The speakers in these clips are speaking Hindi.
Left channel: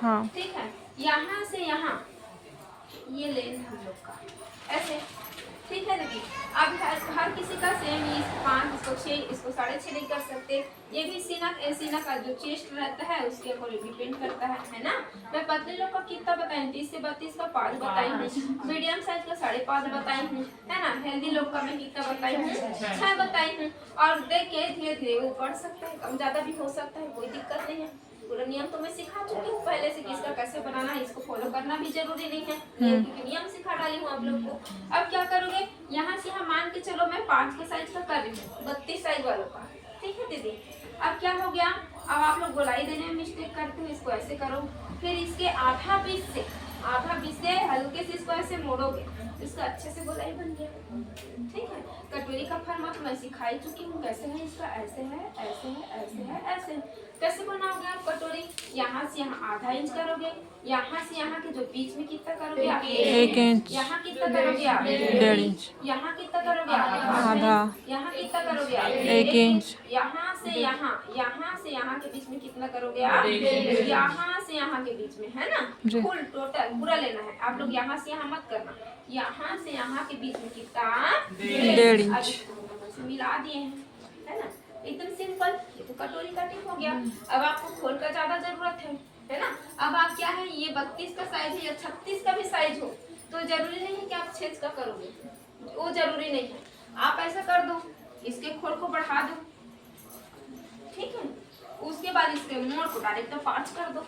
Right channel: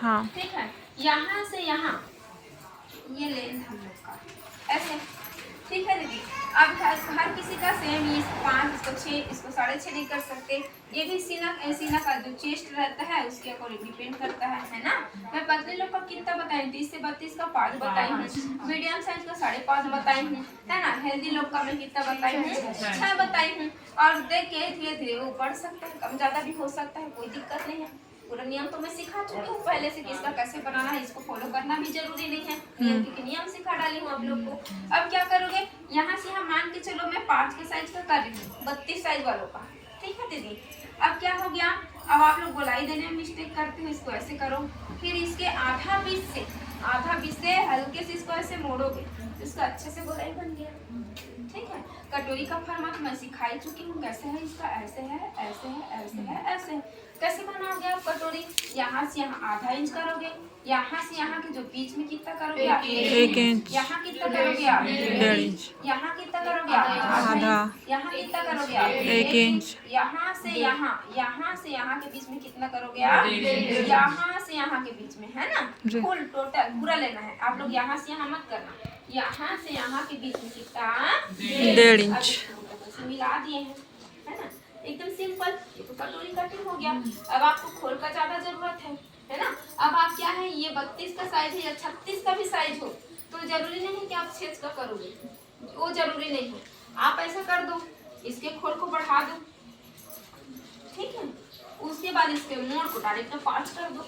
हाँ ठीक है, यहाँ से यहाँ ये लेंथ हम लोग का ऐसे, ठीक है दीदी। अब हर किसी का सेम, ये 5, इसको 6, इसको 6.5 नहीं कर सकते। ये भी सीना का जो चेस्ट रहता है उसके अकॉर्डिंग डिपेंड करता है ना। मैं पतले लोग का कितना बताई, 30 से 32 का 5 बताई हूँ, मीडियम साइज का 5.5 बताई हूँ, है ना। हेल्दी लोग का मैं कितना बताई हूँ, 6 बताई हूँ। और देखिए धीरे धीरे वो बढ़ सकता है, कम ज़्यादा भी हो सकता है, कोई दिक्कत नहीं है। पूरा नियम तो मैं सिखा चुकी हूँ पहले से, किसका कैसे बनाना है, इसको फॉलो करना भी जरूरी नहीं है। नियम के नियम सिखा डाली हूँ आप लोग को। अब क्या करोगे, यहाँ से यहाँ मान के चलो मैं 5 के साइज का कर रही हूँ, 32 साइज वालों का, ठीक है दीदी। अब क्या हो गया, अब आप लोग गोलाई देने में मिस्टेक करते हो, इसको ऐसे करो, फिर इसके आधा पीस से हल्के से इसको ऐसे मोड़ोगे, इसका अच्छे से गोलाई बन गया, ठीक है। कटोरी का फॉर्मेट मैं सिखाई चुकी हूँ कैसे है इसका, ऐसे है, ऐसे है, ऐसे है, ऐसे है। कैसे बनाओगे आप कटोरी, यहाँ से यहाँ आधा इंच करोगे, यहाँ से यहाँ के जो बीच में कितना करोगे आप, 1 इंच, यहाँ कितना करोगे आप, 1.5 इंच, यहाँ कितना करोगे आप, आधा, यहाँ कितना करोगे आप, 1 इंच, यहाँ से यहाँ के बीच में कितना करोगे आप, यहाँ से यहाँ के बीच में, है ना। फुल टोटल पूरा लेना है आप लोग, यहाँ से यहाँ मत करना, यहाँ से यहाँ के बीच में कितना, 1.5 इंच। मिला दिए हैं, है ना, एकदम सिंपल। ये तो कटोरी कटिंग हो गया। अब आपको खोल का ज्यादा जरूरत है ना। अब आप क्या है, ये 32 का साइज है या 36 का भी साइज हो, तो जरूरी नहीं है कि आप 6 का करोगे, वो जरूरी नहीं है। आप ऐसा कर दो, इसके खोल को बढ़ा दो, ठीक है। उसके बाद इसके मोड़ को डायरेक्ट 5 कर दो,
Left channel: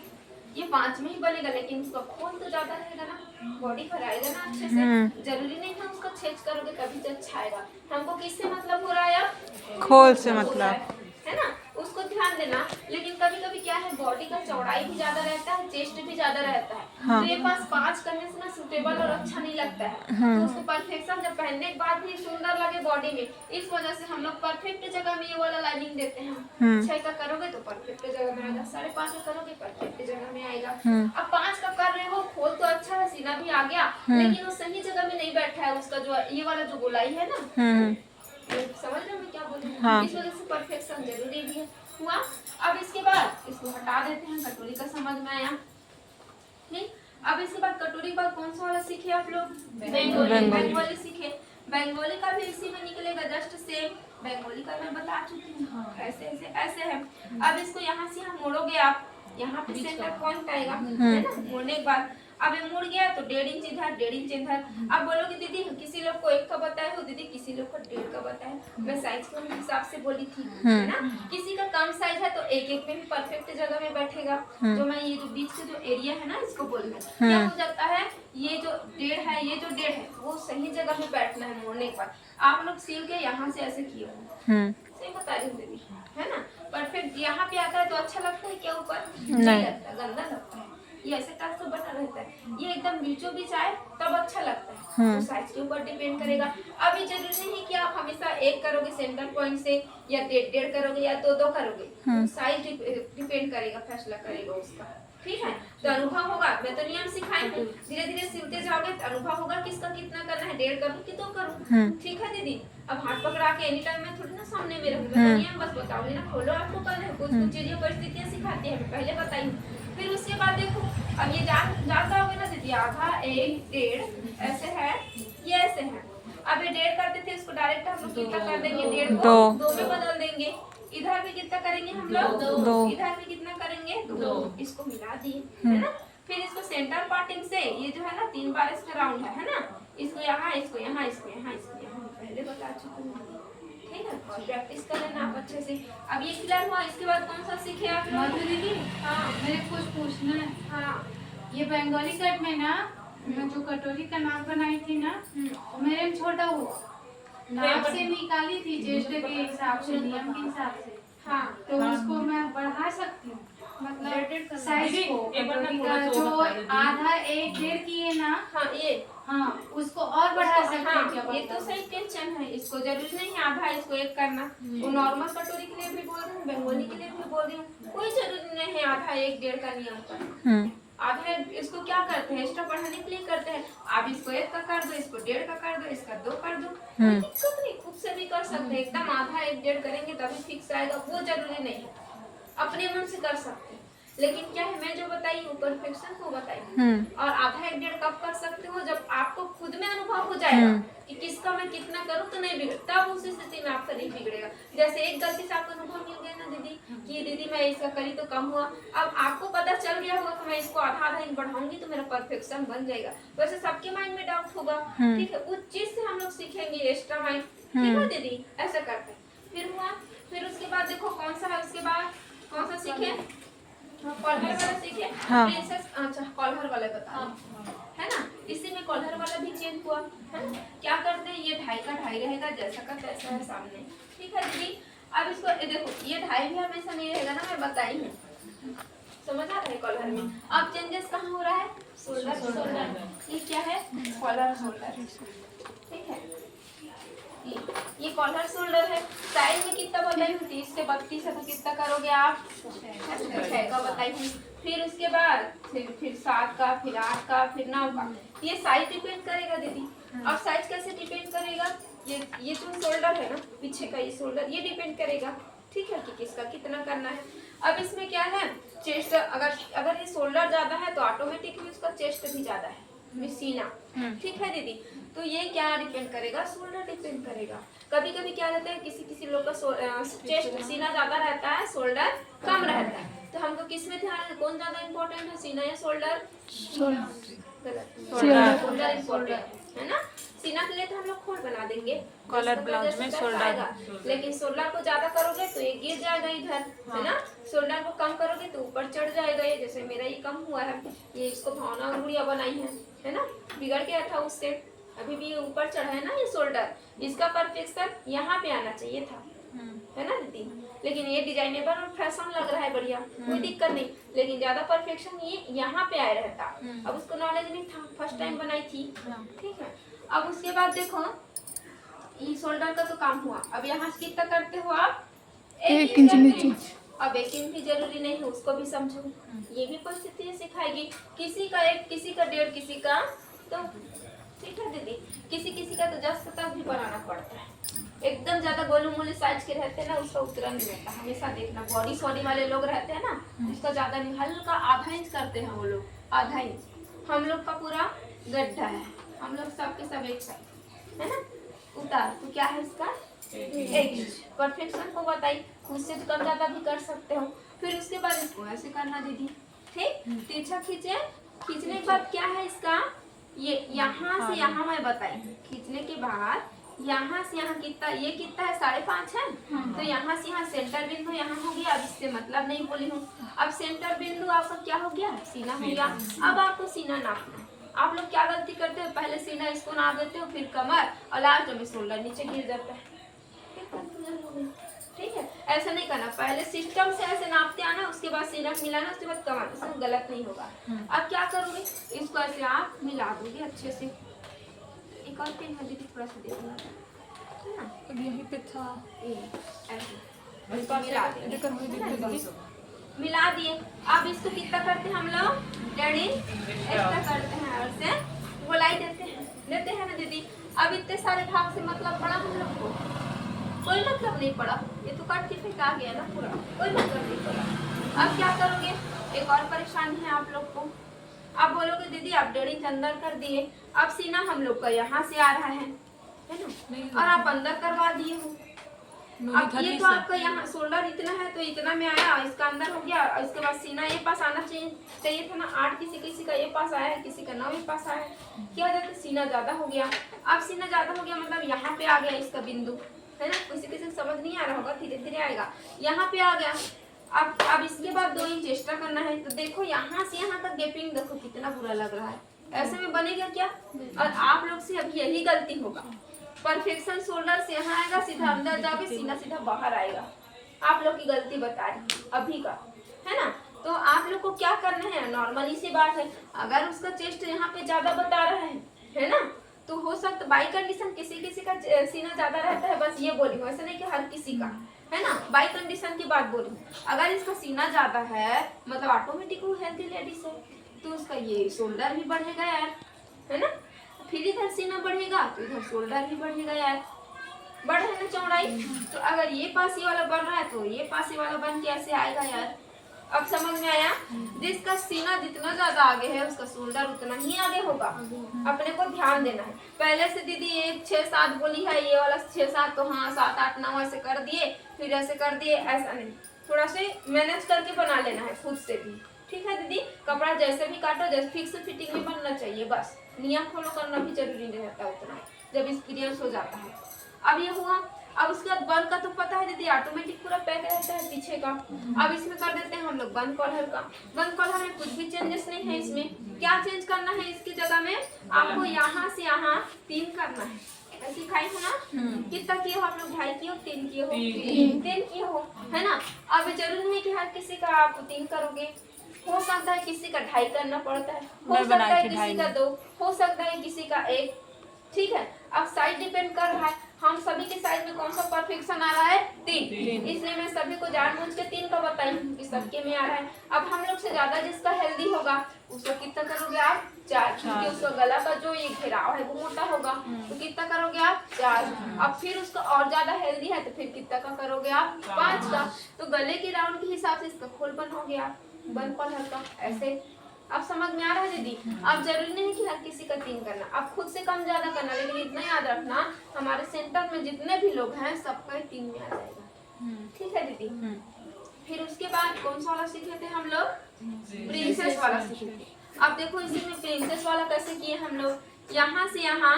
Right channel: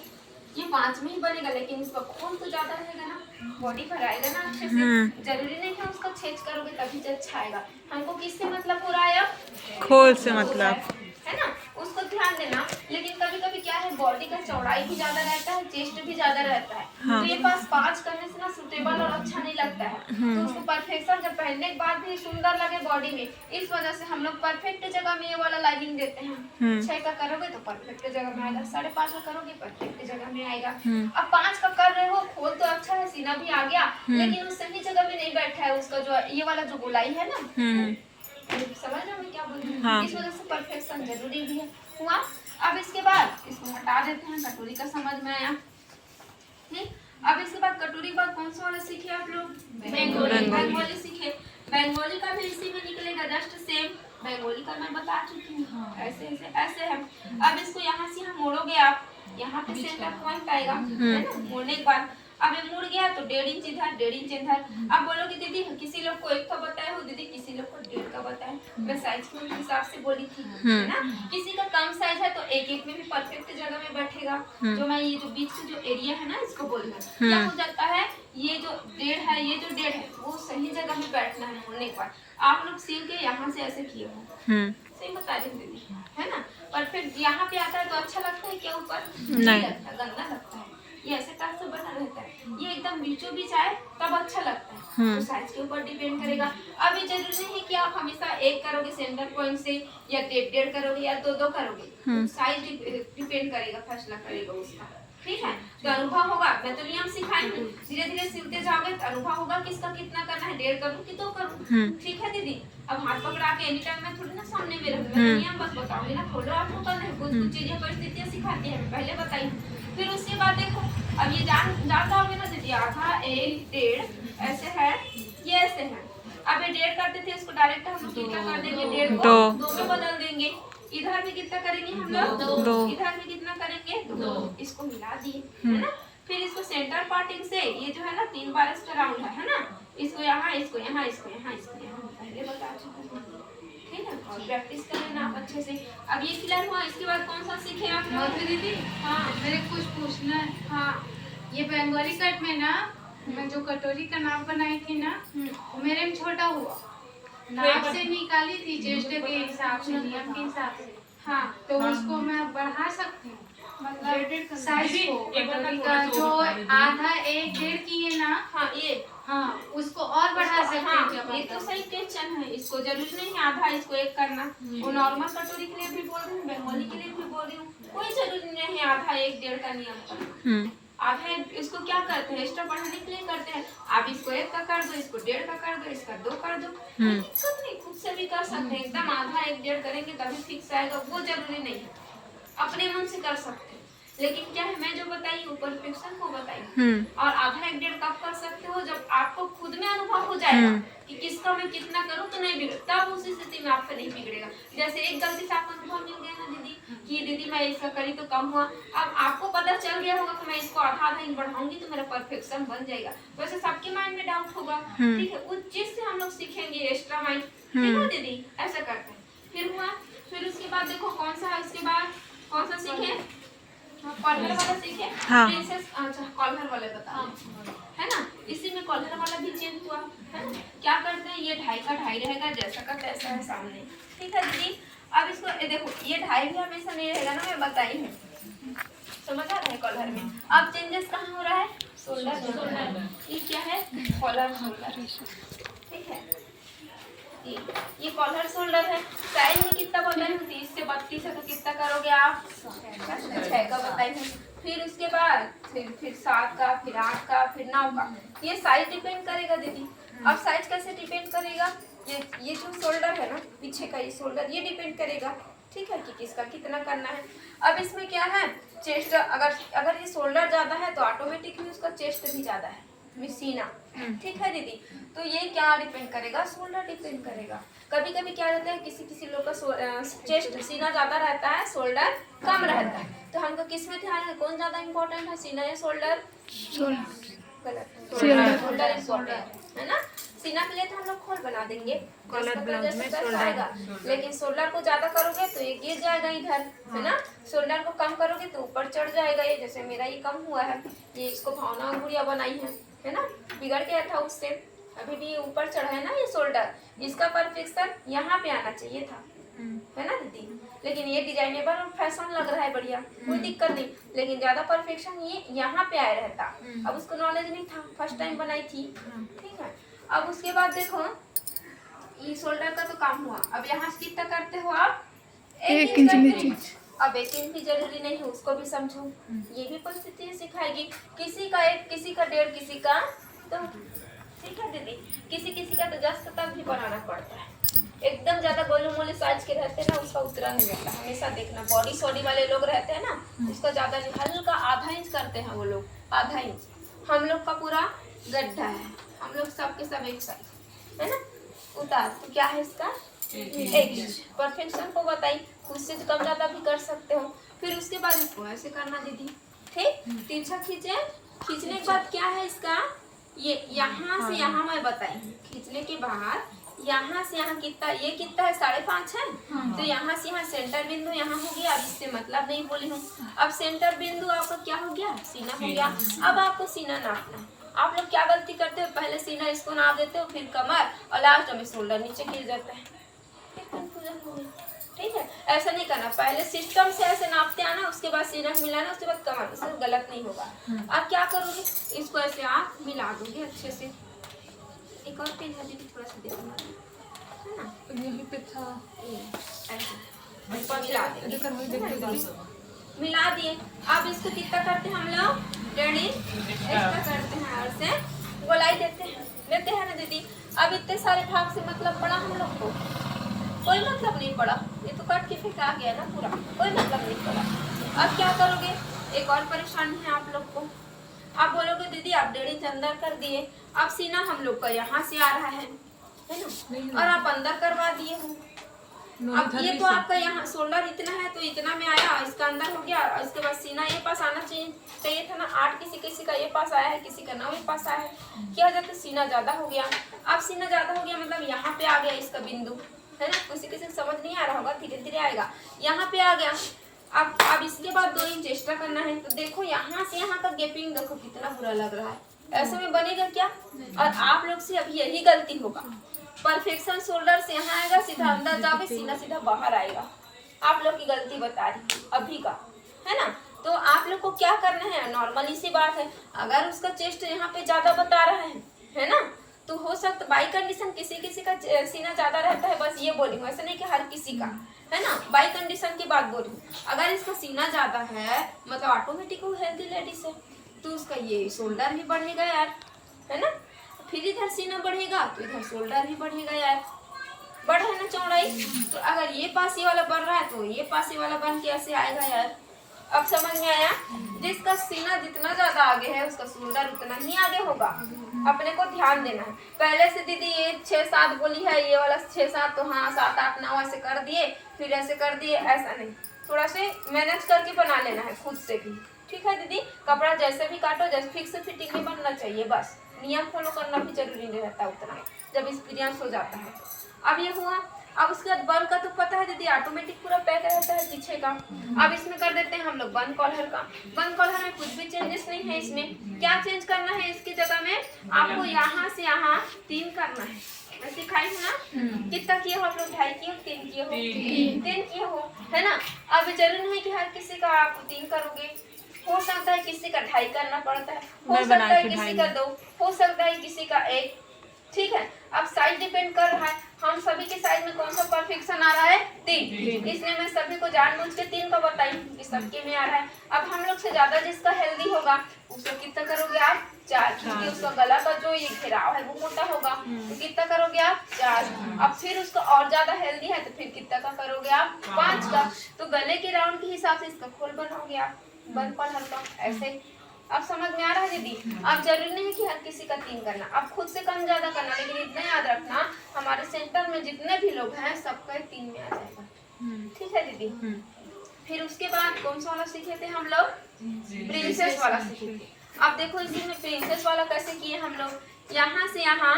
ये 5 में ही बनेगा, लेकिन इसका खोल तो ज्यादा रहेगा ना, बॉडी पर आएगा ना अच्छे से। जरूरी नहीं है उसका छेद करोगे तभी तो अच्छा आएगा। हमको किससे मतलब हो रहा है अब, खोल से मतलब, है ना, उसको ध्यान देना। लेकिन कभी कभी क्या है, बॉडी का चौड़ाई भी ज्यादा रहता है, चेस्ट भी ज्यादा रहता है, हाँ। तो ये पास 5 करने से ना सूटेबल और अच्छा नहीं लगता है। तो उसको परफेक्शन जब पहनने के बाद भी सुंदर लगे बॉडी में, इस वजह से हम लोग परफेक्ट जगह में ये वाला लाइनिंग देते हैं। 6 का करोगे तो परफेक्ट जगह में आएगा, 5.5 का करोगे परफेक्ट जगह में आएगा। अब 5 का कर रहे हो, खोल तो अच्छा है, सीना भी आ गया, लेकिन वो सही जगह में नहीं बैठा है, उसका जो ये वाला जो गोलाई है ना, समझ रहे हो मैं क्या बोल रही हूँ। हाँ। इस वजह से परफेक्शन जरूरी भी है हुआ। अब इसके बाद इसको हटा देते हैं, कटोरी का समझ में आया, ठीक। अब इसके बाद कटोरी के बाद कौन सा वाला सीखे आप लोग, बंगाली सीखे। बंगाली का भी इसी में निकलेगा, जस्ट सेम बंगाली का मैं बता चुकी हूँ। ऐसे ऐसे ऐसे है। अब इसको यहाँ से यहाँ मोड़ोगे आप, यहाँ पे सेंटर पॉइंट आएगा, है ना। मोड़ने के बाद अब ये मुड़ गया तो 1.5 इंच इधर, 1.5 इंच इधर। अब बोलोगे दीदी किसी लोग को 1 का बताया हो, दीदी किसी लोग को 1.5 का बताया, मैं साइज के हिसाब से बोली थी, है ना। किसी का कम साइज है तो 1-1 में भी परफेक्ट जगह में बैठेगा। जो मैं ये जो बीच का जो एरिया है ना, इसको बोल रही हूँ, क्या हो जाता है, ये जो 1.5 है, ये जो 1.5 है, वो सही जगह में बैठना है। मोड़ने के बाद आप लोग सिल के यहाँ से ऐसे किए हो, सही बता रही हूँ दीदी, है ना। परफेक्ट यहाँ पे आता है तो अच्छा लगता है क्या, ऊपर नहीं लगता, गंदा लगता है। ये ऐसे टाइप से बना रहता है, ये एकदम बीचों बीच आए तब अच्छा लगता है। तो साइज के ऊपर डिपेंड करेगा। अब ये जरूरी नहीं है कि आप हमेशा 1 करोगे सेंटर पॉइंट से, या 1.5 करोगे या 2 करोगे, तो साइज डिपेंड करेगा, फैसला करेगा उसका, ठीक है। तो अनुभव होगा, मैं तो नियम सिखाई हूँ, धीरे धीरे सिलते जाओगे तो अनुभव होगा किसका कितना करना है, 1.5 करूँ कि 2 करूँ, ठीक है दीदी। अब हाथ पकड़ा के एनी टाइम मैं थोड़ी ना सामने में रहूंगी, मैं तो नियम बस बताऊंगी ना, खोलो आपको करना है, कुछ कुछ चीजें परिस्थितियां सिखाती है, मैं पहले बताई हूँ। फिर उसके बाद देखो, अब ये जानता होगे ना दीदी, आधा 1 1.5 ऐसे है, ये ऐसे है। अब ये 1.5 करते थे, इसको डायरेक्ट हम लोग कितना कर देंगे, 1.5 को 2 में बदल देंगे। इधर भी कितना करेंगे हम लोग, 2, इधर भी कितना करेंगे, 2, इसको मिला दिए, है ना। फिर इसको सेंटर पार्टिंग से, ये जो है ना 3 बार इसका राउंड है ना, इसको यहाँ, इसको यहाँ, इसको यहाँ, इसको यहाँ, पहले बता चुकी हूँ, ठीक है। और प्रैक्टिस कर लेना आप अच्छे से। अब ये क्लियर हुआ, इसके बाद कौन सा सीखे आप लोग दीदी। हाँ मेरे कुछ पूछना है। हाँ, ये बंगाली कट में ना, मैं जो कटोरी का नाप बनाई थी ना, वो मेरे में छोटा हुआ, नाप से निकाली थी चेस्ट के हिसाब से, नियम के हिसाब से। हाँ, तो उसको मैं बढ़ा सकती हूँ, मतलब साइज को, कटोरी का जो आधा 1 1.5 की है ना, हाँ ये, हाँ उसको और बढ़ा सकते हैं क्या? हाँ, ये तो सही क्वेश्चन है, इसको जरूरी नहीं है आधा इसको 1 करना। वो नॉर्मल कटोरी के लिए भी बोल रही हूँ, बंगाली के लिए भी बोल रही हूँ, कोई जरूरी नहीं है आधा 1 1.5 का नियम करना। आधा इसको क्या करते हैं, एक्स्ट्रा बढ़ाने के लिए करते हैं। आप इसको 1 का कर दो, इसको 1.5 का कर दो, इसका 2 कर दो, दिक्कत नहीं, खुद से भी कर सकते हैं। एकदम आधा 1 1.5 करेंगे तभी फिक्स आएगा, वो जरूरी नहीं है, अपने मन से कर सकते हैं। लेकिन क्या है, मैं जो बताई वो परफेक्शन को बताई। और आधा एक डेढ़ कब कर सकते हो, जब आपको खुद में अनुभव हो जाएगा कि किसका मैं कितना करूँ तो नहीं बिगड़, तब उस स्थिति में आपका नहीं बिगड़ेगा। जैसे एक गलती से आपको अनुभव मिल गया ना दीदी कि दीदी मैं इसका करी तो कम हुआ, अब आपको पता चल गया होगा कि मैं इसको आधा आधा इंच बढ़ाऊंगी तो मेरा परफेक्शन बन जाएगा। वैसे सबके माइंड में डाउट होगा, ठीक है, उस चीज से हम लोग सीखेंगे एक्स्ट्रा माइंड, ठीक है दीदी, ऐसा करते हैं। फिर हुआ, फिर उसके बाद देखो कौन सा है, उसके बाद कौन सा सीखे, कॉलर वाला सीखे। प्रिंसेस, अच्छा कॉलर वाला बता है ना, इसी में कॉलर वाला भी चेंज हुआ है ना। क्या करते हैं, ये 2.5 का 2.5 रहेगा, जैसा का तैसा है सामने, ठीक है दीदी। अब इसको देखो, ये 2.5 भी हमेशा नहीं रहेगा ना, मैं बताई हूँ, समझ आ रहा है कॉलर में। अब चेंजेस कहाँ हो रहा है, शोल्डर, ये क्या है, कॉलर शोल्डर, ठीक है। ये कॉलर शोल्डर है। साइड में कितना बताई हूँ, 30 से 32 है, तो कितना करोगे आप, 6 का बताई हूँ। फिर उसके बाद फिर 7 का, फिर 8 का, फिर 9 का। ये साइज डिपेंड करेगा दीदी। अब साइज कैसे डिपेंड करेगा, ये जो शोल्डर है ना पीछे का, ये शोल्डर ये डिपेंड करेगा, ठीक है, कि किसका कितना करना है। अब इसमें क्या है, चेस्ट, अगर ये शोल्डर ज्यादा है तो ऑटोमेटिकली उसका चेस्ट भी ज्यादा है, सीना, ठीक है दीदी। तो ये क्या डिपेंड करेगा, शोल्डर डिपेंड करेगा। कभी कभी क्या रहता है, किसी लोग का चेस्ट सीना ज्यादा रहता है, शोल्डर कम रहता है, तो हमको किस में ध्यान है, कौन ज्यादा इंपॉर्टेंट है, सीना या शोल्डर, गलत, शोल्डर इंपॉर्टेंट है ना। सीना के लिए तो हम लोग खोल बना देंगे, कॉलर ब्लाउज में शोल्डर, लेकिन शोल्डर को ज्यादा करोगे तो ये गिर जाएगा इधर, है ना। शोल्डर को कम करोगे तो ऊपर चढ़ जाएगा, ये जैसे मेरा ये कम हुआ है, ये इसको भावना और गुड़िया बनाई है ना, बिगड़ गया था उससे, अभी भी ऊपर चढ़ा है ना ये शोल्डर, इसका परफेक्शन यहाँ पे आना चाहिए था, है ना दीदी। लेकिन ये डिजाइनेबल और फैशन लग रहा है बढ़िया, कोई दिक्कत नहीं, लेकिन ज्यादा परफेक्शन ये यहाँ पे आया रहता। अब उसको नॉलेज नहीं था, फर्स्ट टाइम बनाई थी, ठीक है। अब उसके बाद देखो, ये शोल्डर का तो काम हुआ। अब यहाँ से कितना करते हो आप, 1 इंच नीचे। अब 1 इंच भी जरूरी नहीं है, उसको भी समझो, ये भी परिस्थिति सिखाएगी। किसी का 1, किसी का 1.5, किसी का 2, ठीक है दीदी। किसी का तो 10 तक भी बनाना पड़ता है। एकदम ज्यादा गोलू मोलू साइज के रहते हैं ना, उसका उतरा नहीं रहता, हमेशा देखना। बॉडी सॉडी वाले लोग रहते हैं ना, उसका ज्यादा नहीं, हल्का आधा इंच करते हैं वो लोग, आधा इंच। हम लोग का पूरा गड्ढा है, हम लोग सबके सब एक साइज, है ना। उतार तो क्या है इसका, 1 इंच। परफेक्शन को बताई, उससे कम ज्यादा भी कर सकते हो। फिर उसके बाद इसको ऐसे करना दीदी, ठीक, तिरछा खींचे। खींचने के बाद क्या है इसका, ये यहाँ से यहाँ मैं बताई, खींचने के बाद यहाँ से यहाँ कितना, ये कितना है, 5.5 है, तो यहाँ से यहाँ सेंटर बिंदु यहाँ हो गया। अब इससे मतलब नहीं बोली हूँ। अब सेंटर बिंदु आपका क्या हो गया, सीना हो गया। अब आपको सीना नापना। आप लोग क्या गलती करते हो, पहले सीना इसको नाप देते हो, फिर कमर, और लास्ट में शोल्डर नीचे गिर जाता है, ठीक है। ऐसा नहीं करना, पहले सिस्टम से ऐसे नापते आना, उसके बाद सीना मिलाना, उसके बाद कमर, उसमें गलत नहीं होगा। अब क्या करोगे, इसको ऐसे आप मिला दोगे अच्छे से। एक और पेन है दीदी, थोड़ा सा देखना, है ना, तो यहीं पे था, ऐसे मिला देंगे, मिला दिए। अब इसको कितना करते हैं हम लोग, 1.5 इंच ऐसा करते हैं, और से गोलाई देते हैं ना दीदी। अब इतने सारे भाग से मतलब पड़ा हम लोग को, कोई मतलब नहीं पड़ा, ये तो कट के फेंका गया ना पूरा, कोई मतलब नहीं पड़ा। अब क्या करोगे, एक और परेशानी है आप लोग को। आप बोलोगे दीदी आप 1.5 इंच अंदर कर दिए, अब सीना हम लोग का यहाँ से आ रहा है ना, और आप अंदर करवा दिए हो। अब ये तो आपका यहाँ शोल्डर इतना है, तो इतना में आया, इसका अंदर हो गया। इसके बाद सीना ये पास आना चाहिए था ना, 8 किसी का ये पास आया है, किसी का 9 ये पास आया है। क्या हो जाता है, सीना ज्यादा हो गया। अब सीना ज्यादा हो गया मतलब यहाँ पे आ गया इसका बिंदु, है ना। किसी को समझ नहीं आ रहा होगा, धीरे धीरे आएगा, यहाँ पे आ गया। अब इसके बाद 2 इंच एक्स्ट्रा करना है। तो देखो यहाँ से यहाँ तक गैपिंग देखो कितना बुरा लग रहा है, ऐसे में बनेगा क्या। और आप लोग से अभी यही गलती होगा, परफेक्शन शोल्डर से यहाँ आएगा, सीधा अंदर जाओगे, सीना सीधा बाहर आएगा। आप लोग की गलती बता रही अभी का, है ना। तो आप लोग को क्या करना है, नॉर्मली सी बात है, अगर उसका चेस्ट यहाँ पे ज्यादा बता रहा है ना, तो हो सकता बाई कंडीशन किसी का सीना ज्यादा रहता है, बस ये बोली हूँ, ऐसा नहीं कि हर किसी का, है ना। बाई कंडीशन की बात बोली हूँ। अगर इसका सीना ज्यादा है मतलब ऑटोमेटिक वो हेल्थी लेडीज है, तो उसका ये शोल्डर भी बढ़ेगा यार, है ना। फिर इधर सीना बढ़ेगा तो इधर शोल्डर भी बढ़ेगा यार, बढ़ है ना चौड़ाई। तो अगर ये पासी वाला बन रहा है तो ये पासी वाला बन के ऐसे आएगा यार, अब समझ में आया? जिसका सीना जितना ज्यादा आगे है उसका शोल्डर उतना ही आगे होगा। अपने को ध्यान देना है। पहले से दीदी ये 6-7 बोली है, ये वाला 6-7 तो हाँ 7-8-9 ऐसे कर दिए, फिर ऐसे कर दिए, ऐसा नहीं, थोड़ा से मैनेज करके बना लेना है खुद से भी। ठीक है दीदी? कपड़ा जैसे भी काटो, जैसे फिक्स फिटिंग में बनना चाहिए, बस नियम फॉलो करना भी जरूरी नहीं रहता उतना जब एक्सपीरियंस हो जाता है। अब ये हुआ। अब उसके बाद बन का तो पता है दीदी, ऑटोमेटिक पूरा पैक रहता है पीछे का। अब इसमें कर देते हैं हम लोग बन कॉलर का। बन कॉलर में कुछ भी चेंजेस नहीं है। इसमें क्या चेंज करना है? इसकी जगह में आपको यहाँ से यहाँ 3 करना है। सिखाई हो ना? कितना किए हो आप लोग? 2.5 किए हो, 3 किए हो? 3 किए हो, है ना? अब जरूरी नहीं कि हर किसी का आप 3 करोगे, हो सकता है किसी का 2.5 करना पड़ता है, हो सकता है किसी का 2, हो सकता है किसी का 1। ठीक है? अब साइज डिपेंड कर रहा है। हम सभी के साइज में कौन सा परफेक्शन आ रहा है? 3। इसलिए मैं सभी को जानबूझ के 3 का बताई कि सबके में आ रहा है। अब हम लोग से ज्यादा जिसका हेल्दी होगा उसको कितना करोगे आप? 4, क्योंकि उसका गला का जो ये घेराव है वो मोटा होगा, तो कितना करोगे आप? 4। अब फिर उसका और ज्यादा हेल्दी है तो फिर कितना का करोगे आप? 5 का। तो गले के राउंड के हिसाब से इसका खोल बनाओगे आप बन कॉलर का, ऐसे। अब समझ में आ रहा है दीदी? अब जरूरी नहीं कि हर किसी का 3 करना, अब खुद से कम ज्यादा करना, लेकिन इतना याद रखना हमारे सेंटर में जितने भी लोग हैं सबका 3 में आ जाएगा। ठीक है दीदी? फिर उसके बाद कौन सा वाला सीखे थे हम लोग? प्रिंसेस वाला सीखे थे। अब देखो इसी में प्रिंसेस वाला कैसे किए हम लोग? यहाँ से यहाँ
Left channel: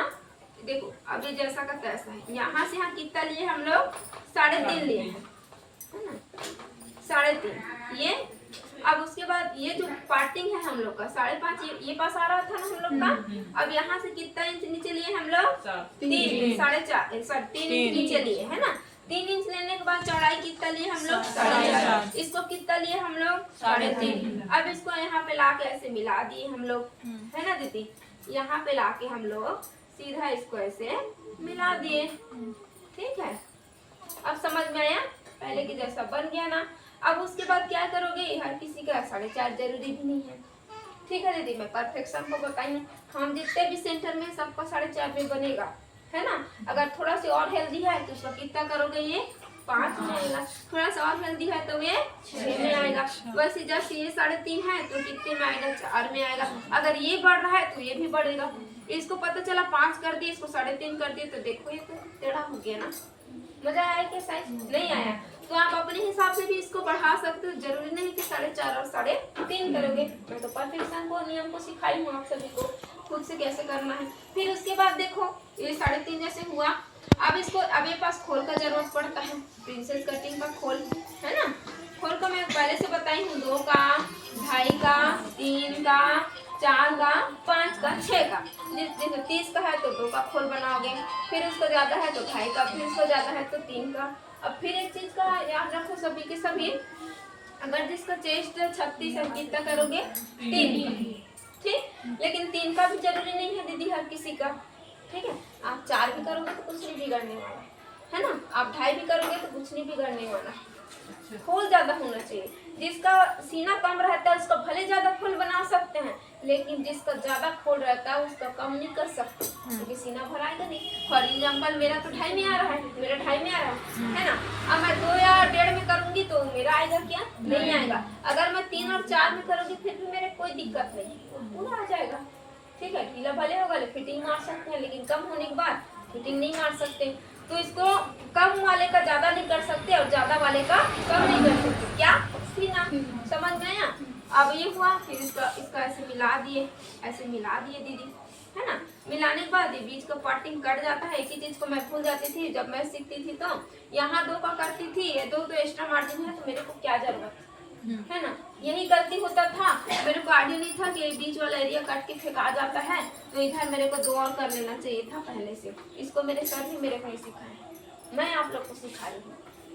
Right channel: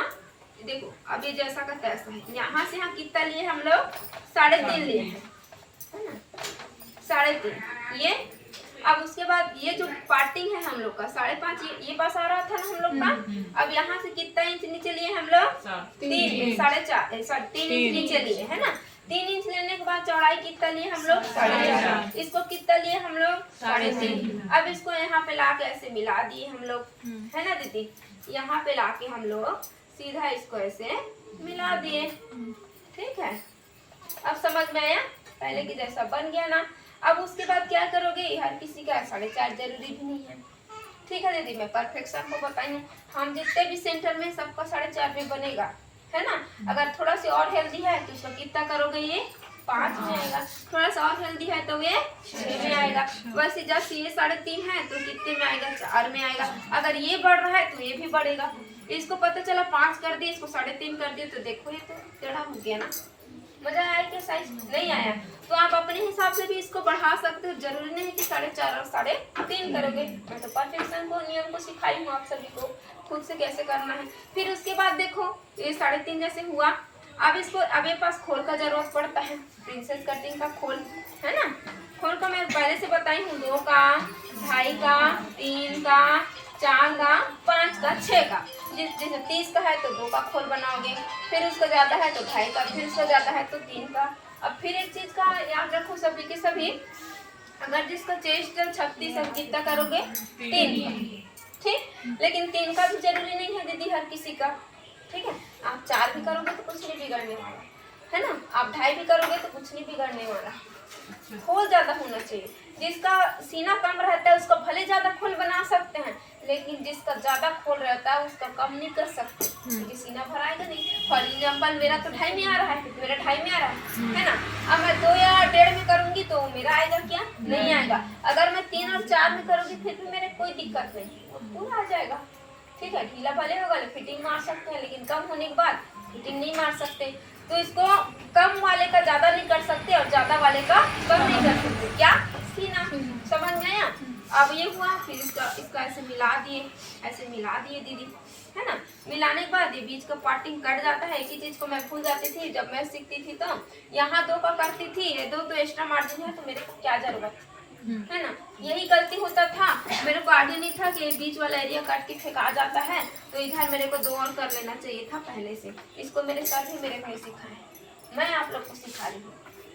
देखो, अब ये जैसा का तैसा है। यहाँ से यहाँ कितना लिए हम लोग? 3.5 लिए हैं, है ना? 3.5 ये। अब उसके बाद ये जो पार्टिंग है हम लोग का 5.5, ये पास आ रहा था ना हम लोग का। अब यहाँ से कितना इंच नीचे लिए हम लोग? 3, 4.5 3 इंच नीचे लिए, है ना? 3 इंच लेने के बाद चौड़ाई कितना लिए हम लोग? 4.5। इसको कितना लिए हम लोग? 3.5। अब इसको यहाँ पे लाके ऐसे मिला दिए हम लोग, है ना दीदी? यहाँ पे लाके हम लोग सीधा इसको ऐसे मिला दिए। ठीक है? अब समझ में आया? पहले की जैसा बन गया ना? अब उसके बाद क्या करोगे? हर किसी का 4.5 जरूरी भी नहीं है। ठीक है दीदी? मैं परफेक्शन को बताई, हम जितने भी सेंटर में सबका 4.5 में बनेगा, है ना? अगर थोड़ा सा और हेल्दी है तो उसका कितना करोगे? ये 5 में आएगा। थोड़ा सा और हेल्दी है तो ये 6 में आएगा। वैसे जैसे ये 3.5 है तो कितने में आएगा? 4 में आएगा। अगर ये बढ़ रहा है तो ये भी बढ़ेगा। इसको पता चला 5 कर दिए, इसको 3.5 कर दिए, तो देखो ये तो टेढ़ा हो गया ना? मजा आया क्या? साइज नहीं आया तो आप अपने हिसाब से भी इसको बढ़ा सकते हो। जरूरी नहीं कि 4.5 और 3.5 करोगे। मैं तो परफेक्शन को, नियम को सिखाई हूँ आप सभी को खुद से कैसे करना है। फिर उसके बाद देखो ये 3.5 जैसे हुआ। अब इसको, अब ये पास खोल का जरूरत पड़ता है, प्रिंसेस कटिंग का खोल, है ना? खोल का मैं पहले से बताई हूँ, 2 का, 2.5 का, 3 का, 4 का, 5 का, 6 का। जैसे 30 का है तो 2 का खोल बनाओगे, फिर उसको ज्यादा है तो 2.5 का, फिर उसको ज्यादा है तो 3 का। अब फिर एक चीज का याद रखो सभी के सभी, अगर जिसका चेस्ट 36 है कितना करोगे? 3। ठीक? लेकिन 3 का भी जरूरी नहीं है दीदी हर किसी का। ठीक है? आप 4 भी करोगे तो कुछ नहीं बिगड़ने वाला, है ना? आप 2.5 भी करोगे तो कुछ नहीं बिगड़ने वाला। खोल ज्यादा होना चाहिए। जिसका सीना कम रहता है उसका भले ज्यादा खोल बना सकते हैं, लेकिन जिसका ज्यादा खोल रहता है उसका कम नहीं कर सकते, क्योंकि सीना भराएगा नहीं। फॉर एग्जाम्पल मेरा तो 2.5 में आ रहा है, मेरा 2.5 में आ रहा है ना? अब मैं 2 या 1.5 में करूंगी तो मेरा आएगा क्या? नहीं आएगा। अगर मैं 3 और 4 में करूंगी फिर भी मेरे कोई दिक्कत नहीं, पूरा आ जाएगा। ठीक है? ढीला भले होगा, फिटिंग मार सकते हैं, लेकिन कम होने के बाद फिटिंग नहीं मार सकते। तो इसको कम वाले का ज्यादा नहीं कर सकते और ज्यादा वाले का कम नहीं कर सकते। क्या? सीना समझ में आया? अब ये हुआ। फिर इसका ऐसे मिला दिए, ऐसे मिला दिए दीदी, है ना? मिलाने के बाद ये बीच का पार्टिंग कट जाता है। एक ही चीज को मैं भूल जाती थी जब मैं सीखती थी, तो यहाँ 2 का करती थी, ये 2 तो एक्स्ट्रा मार्जिन है तो मेरे को क्या जरूरत है ना? यही गलती होता था। मेरे को आइडिया नहीं था कि बीच वाला एरिया काट के फेंका जाता है, तो इधर मेरे को 2 और कर लेना चाहिए था पहले से। इसको मेरे सर भी मेरे को नहीं सिखाए, मैं आप लोग को सिखा रही हूँ।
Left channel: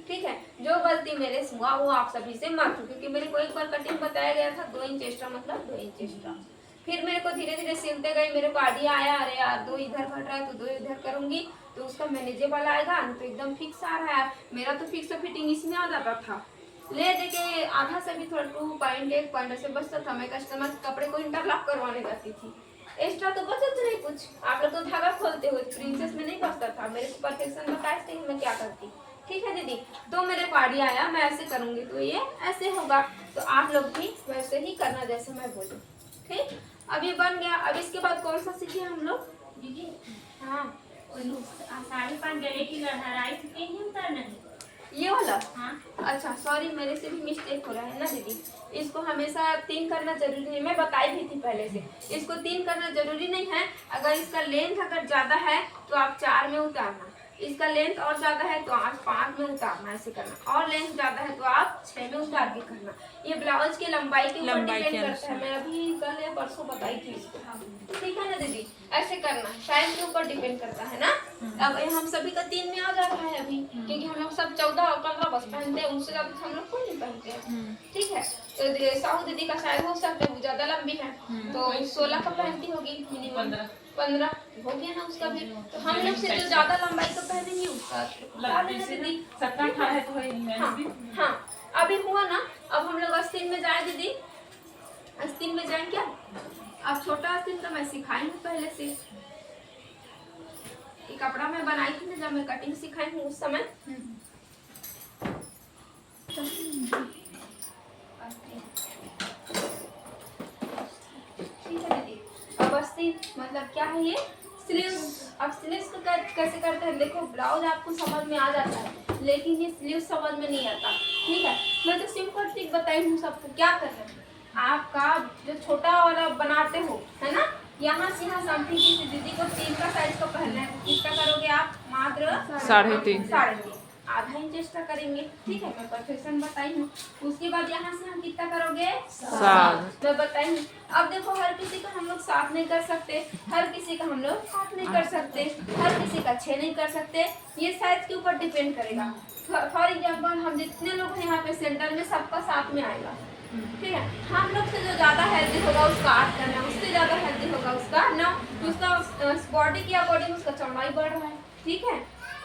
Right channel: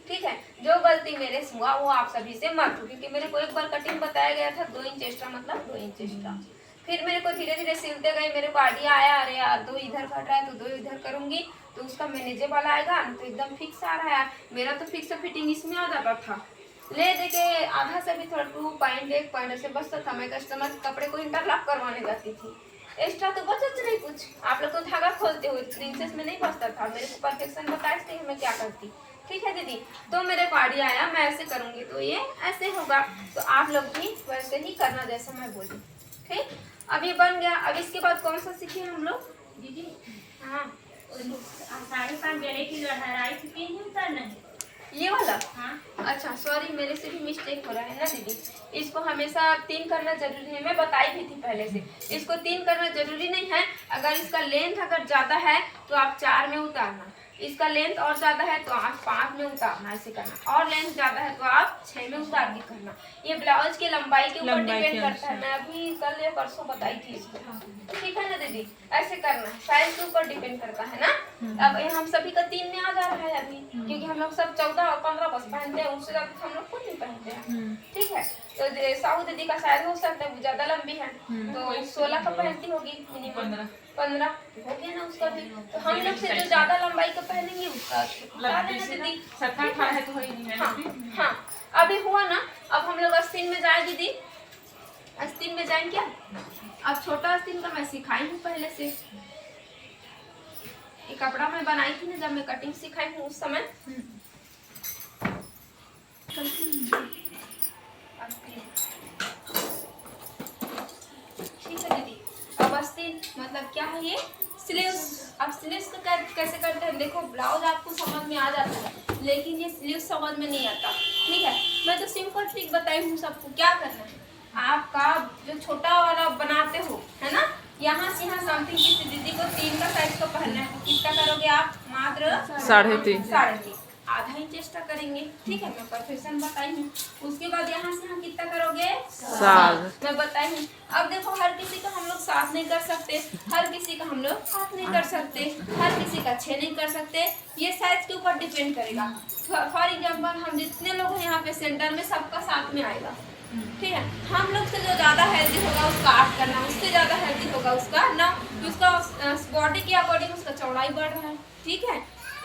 ठीक है? जो गलती मेरे से हुआ वो आप सभी से मत हो, क्योंकि मेरे को एक बार कटिंग बताया गया था 2 इंच एक्स्ट्रा मतलब 2 इंच एक्स्ट्रा। फिर मेरे को धीरे धीरे सिलते गए, मेरे को आइडिया आया, अरे यार 2 इधर घट रहा है तो 2 इधर करूंगी तो उसका मैनेजेबल आएगा, तो एकदम फिक्स आ रहा है। मेरा तो फिक्स फिटिंग इसमें आ जाता था। ले देके आधा से भी थोड़ा 2 पॉइंट 1 पॉइंट से बचता था। मैं कस्टमर के कपड़े को इंटरलॉक करवाने जाती थी, एक्स्ट्रा तो बचत नहीं कुछ। आप लोग तो धागा खोलते हुए, प्रिंसेस में नहीं बचता था। मेरे को परफेक्शन बताए थे मैं क्या करती। ठीक है दीदी। तो मेरे पारी आया, मैं ऐसे करूंगी तो ये ऐसे होगा, तो आप लोग भी वैसे ही करना जैसे मैं बोलूँ। ठीक, अब ये बन गया। अब इसके बाद कौन सा सीखे हम लोग दीदी हाँ साड़ी पहन गले की लहराई की ही उतारना है। ये वाला हाँ अच्छा सॉरी, मेरे से भी मिस्टेक हो रहा है ना दीदी। इसको हमेशा 3 करना जरूरी है, मैं बताई भी थी पहले से। इसको 3 करना जरूरी नहीं है। अगर इसका लेंथ अगर ज़्यादा है तो आप 4 में उतारना, इसका लेंथ और ज़्यादा है तो आप 5 में उतारना, ऐसे करना। और लेंथ ज़्यादा है तो आप 6 में उतार के करना। ये ब्लाउज की लंबाई के ऊपर लंबाई के डिपेंड करता है। मैं अभी कल या परसों बताई थी इसको, ठीक है ना दीदी। ऐसे करना, साइज के ऊपर डिपेंड करता है ना। अब ये हम सभी का 3 में आ जा रहा है अभी, क्योंकि हम लोग सब 14 और 15 बस पहनते हैं, उससे ज़्यादा हम लोग कोई नहीं पहनते हैं। ठीक है, तो साहू दीदी का शायद हो सकता है वो ज़्यादा लंबी है, तो 16 का पहनती होगी मिनिमम, 15 हो गया ना उसका भी। तो हम लोग से जो ज़्यादा लंबाई का पहनेंगे उसका बता देना दीदी। 17-18 है तो वही है। हाँ हाँ, अभी हुआ ना। अब हम लोग आस्तीन में जाए दीदी, आस्तीन में जाएं क्या? अब छोटा आस्तीन का मैं सिखाई हूँ पहले से। ये कपड़ा मैं बनाई थी ना जब मैं कटिंग सिखाई हूँ उस समय। ठीक है दीदी। अब आस्तीन मतलब क्या है? ये स्लीव्स। अब स्लीव्स का कैसे करते हैं देखो, ब्लाउज आपको समझ में आ जाता है लेकिन ये स्लीव्स समझ में नहीं आता। ठीक है, मैं तो सिंपल ट्रिक बताई हूँ सबको। क्या करना है, आपका जो छोटा वाला बनाते हो है ना, यहाँ से यहाँ समथिंग किसी दीदी को 3 का साइज को पहनना है तो कितना करोगे आप? मात्र 3.5 आधा इंच एक्स्ट्रा करेंगे। ठीक है, मैं परफेक्शन बताई हूँ। उसके बाद यहाँ से यहाँ कितना करोगे? 7 मैं बताई हूँ। अब देखो हर किसी का हम लोग 7 नहीं कर सकते, हर किसी का हम लोग 8 नहीं कर सकते, हर किसी का 6 नहीं कर सकते। ये साइज के ऊपर डिपेंड करेगा। फॉर एग्जाम्पल हम जितने लोग हैं यहाँ पे सेंटर में सबका 7 में आएगा। ठीक है, हम लोग से जो ज़्यादा हेल्दी होगा उसका 8 करना है, उससे ज़्यादा हेल्दी होगा उसका 9। उसका बॉडी के अकॉर्डिंग उसका चौड़ाई बढ़ रहा है। ठीक है,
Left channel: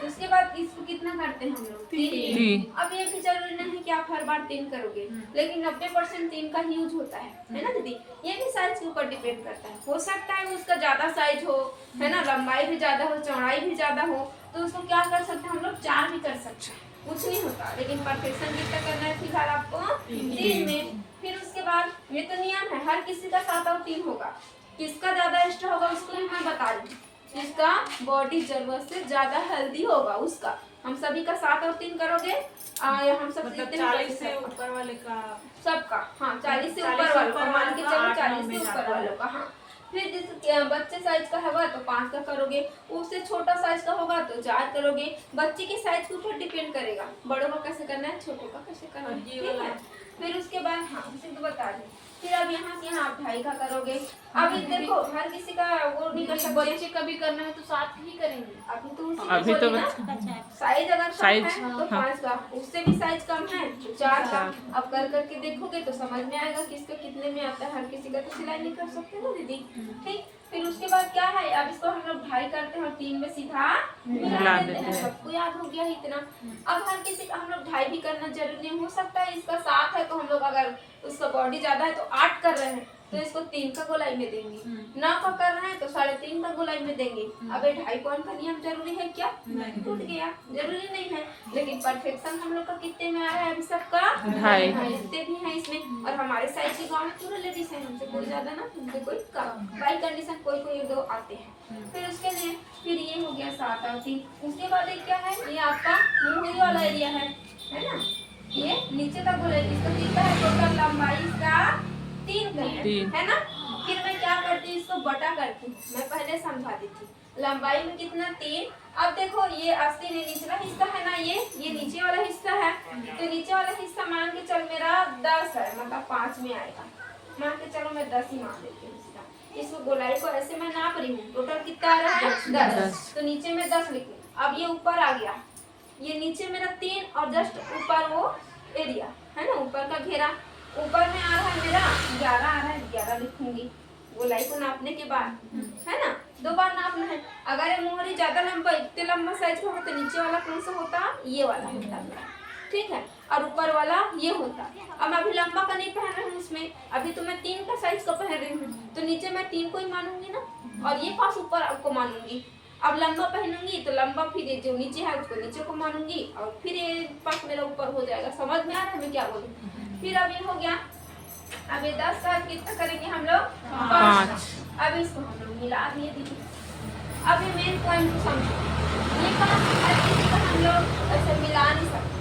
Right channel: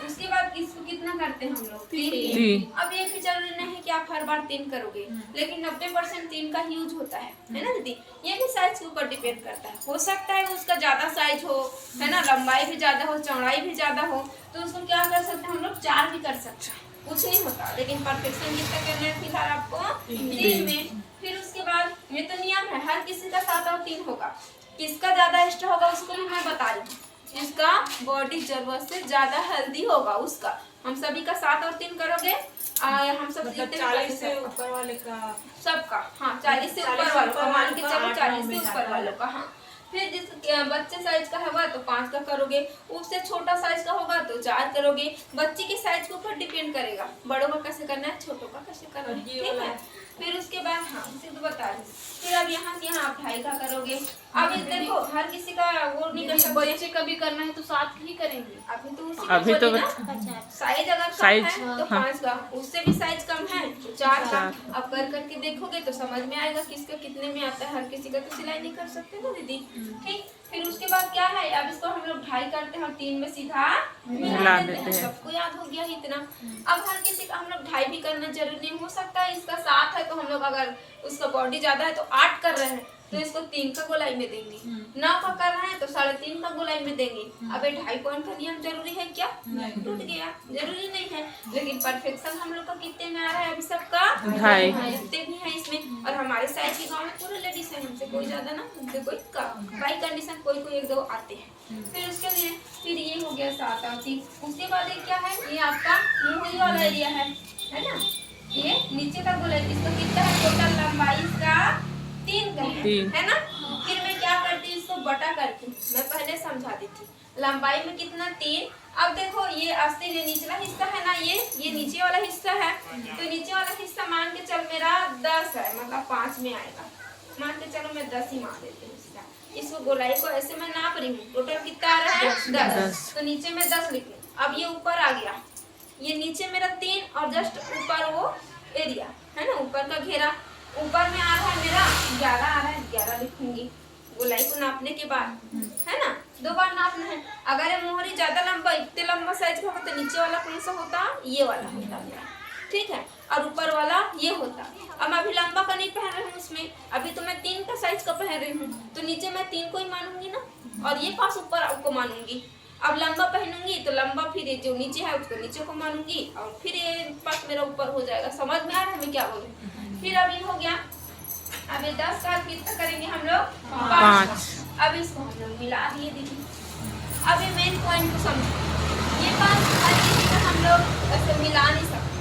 उसके बाद इसको कितना करते हैं हम लोग? 3। अब ये भी जरूरी नहीं है कि आप हर बार 3 करोगे, लेकिन 90% 3 का यूज होता है ना दीदी। ये भी साइज के ऊपर डिपेंड करता है। हो सकता है उसका ज्यादा साइज हो, है ना, लंबाई भी ज्यादा हो, चौड़ाई भी ज्यादा हो, तो उसको क्या कर सकते हैं हम लोग? 4 भी कर सकते हैं, कुछ नहीं होता। लेकिन परफेक्शन कितना करना है फिलहाल आपको? 3 में। फिर उसके बाद ये तो नियम है, हर किसी का 7 और 3 होगा। किसका ज्यादा एक्स्ट्रा होगा उसको भी मैं बता रही हूँ। जिसका बॉडी जरूरत से ज्यादा हेल्दी होगा उसका, हम सभी का 7 और 3 करोगे। हम सब मतलब 40 से ऊपर वाले का सबका, हाँ 40 से ऊपर वालों का मान के चलो, 40 से ऊपर वालों का। हाँ, फिर जिस बच्चे साइज का होगा तो 5 का करोगे, उससे छोटा साइज का होगा तो 4 करोगे। बच्चे के साइज के ऊपर डिपेंड करेगा, बड़ों का कैसे करना है, छोटों का कैसे करना है। ठीक है, फिर उसके बाद हाँ उसे तो बता दें। फिर अब यहाँ से यहाँ आप 2.5 का करोगे। अब देखो हर किसी का वो नहीं कर सकते, बच्चे का भी करना है तो 7 ही करेंगे। अभी तो उसी अभी तो ना साइज अगर कम है तो 5 का, उससे भी साइज कम है तो 4 का। अब कर करके देखोगे तो समझ में आएगा किसका कितने में आता है। हर किसी का तो सिलाई नहीं कर सकते ना दीदी। ठीक, फिर उसके बाद क्या है, अब इसको हम लोग 2.5 करते हैं और 3 में सीधा मिला देते हैं। सबको याद हो गया इतना। अब हर किसी का हम लोग 2.5 भी करना जरूरी नहीं। हो सकता है इसका 7 है तो हम लोग अगर उसका बॉडी ज्यादा है तो 8 कर रहे हैं तो इसको 3 का गोलाई में देंगे। 9 का कर रहे हैं तो 3.5 का गोलाई में देंगे। अब 2.5 पॉइंट का नियम जरूरी है क्या? टूट गया, जरूरी नहीं है। लेकिन परफेक्शन हम लोग का कितने में आ रहा है अभी सबका? 2.5 इतने भी है इसमें। और हमारे साइज के गाँव में पूरे लेडीज है, हमसे कोई ज्यादा ना, हमसे कोई कम। बाई कंडीशन कोई कोई 1-2 आते हैं। फिर उसके लिए फिर ये हो गया 7 और 3। उसके बाद क्या है, ये आपका मुहरी वाला एरिया है ना, ये नीचे का गोलाई। इसका कितना है टोटल लंबाई? इसका 3 का है ना। फिर मैं क्या करती हूँ, इसको बटा करती हूँ। मैं पहले समझा दी थी लंबाई में कितना 3। अब देखो ये आस्तीन ये निचला हिस्सा है ना, ये नीचे वाला हिस्सा है। तो नीचे वाला हिस्सा मान के चल मेरा 10 है, मतलब 5 में आएगा। मान के चलो मैं 10 ही मान देती हूँ। इसको गोलाई को ऐसे मैं नाप रही हूँ, टोटल कितना आ रहा है? 10। तो नीचे में 10 लिख लूँ। अब ये ऊपर आ गया, ये नीचे मेरा 3 और जस्ट ऊपर वो एरिया है ना, ऊपर का घेरा। ऊपर में आ रहा है मेरा 11 आ रहा है, 11 लिखूंगी गोलाई को नापने के बाद, है ना। 2 बार नापना है। अगर ये मोहरी ज्यादा लंबा, इतने लंबा साइज का होगा तो नीचे वाला कौन सा होता? ये वाला होता मेरा। ठीक है, और ऊपर वाला ये होता। अब मैं अभी लंबा का नहीं पहन रही हूँ उसमें, अभी तो मैं 3 का साइज का पहन रही हूँ, तो नीचे मैं 3 को ही मानूंगी ना, और ये पास ऊपर आपको मानूंगी। अब लंबा पहनूंगी तो लंबा, फिर ये जो नीचे है उसको नीचे को मानूंगी और फिर ये पास मेरा ऊपर हो जाएगा। समझ में आ रहा है मैं क्या बोलूँ? फिर अब ये हो गया। अब ये 10 का कितना करेंगे हम लोग? 5। अब इसको हम लोग मिला दिए दीदी। अब ये मेन पॉइंट को समझो, ये बात हर किसी का हम लोग ऐसे मिला नहीं सकते।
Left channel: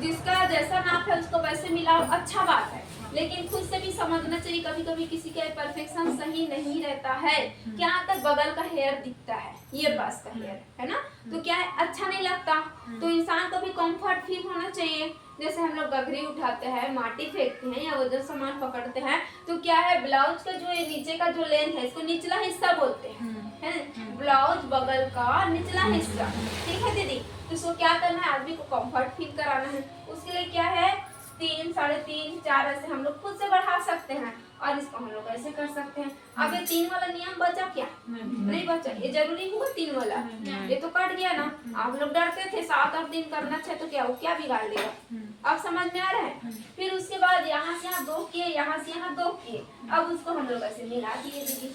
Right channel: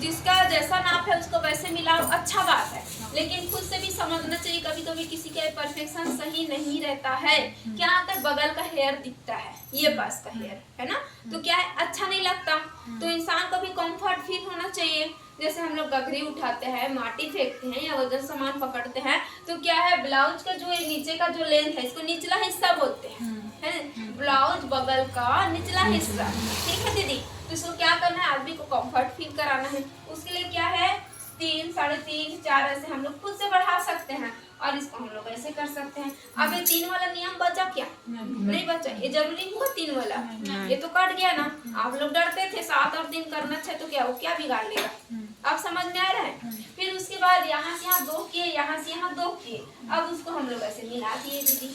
जिसका जैसा नाप है उसको वैसे मिलाओ, अच्छा बात है, लेकिन खुद से भी समझना चाहिए। कभी कभी किसी का परफेक्शन सही नहीं रहता है। क्या आता है, बगल का हेयर दिखता है, ये पास का हेयर है ना, तो क्या है अच्छा नहीं लगता। तो इंसान को भी कंफर्ट फील होना चाहिए। जैसे हम लोग गगरी उठाते हैं, माटी फेंकते हैं या वजन सामान पकड़ते हैं, तो क्या है ब्लाउज का जो नीचे का जो लेंथ है, इसको निचला हिस्सा बोलते हैं, है ब्लाउज बगल का निचला हिस्सा। ठीक है दीदी, तो इसको क्या करना है, आदमी को कंफर्ट फील कराना है। उसके लिए क्या है, 3, 3.5, 4 ऐसे हम लोग खुद से बढ़ा सकते हैं और इसको हम लोग ऐसे कर सकते हैं। अब ये 3 वाला नियम बचा क्या? नहीं बचा। ये जरूरी हुआ 3 वाला, ये तो कट गया ना। आप लोग डरते थे 7 और 3 करना चाहिए, तो क्या वो क्या बिगाड़ लेगा? अब समझ में आ रहा है? फिर उसके बाद यहाँ से यहाँ 2 किए, यहाँ से यहाँ 2 किए। अब उसको हम लोग ऐसे मिला दिए दीदी।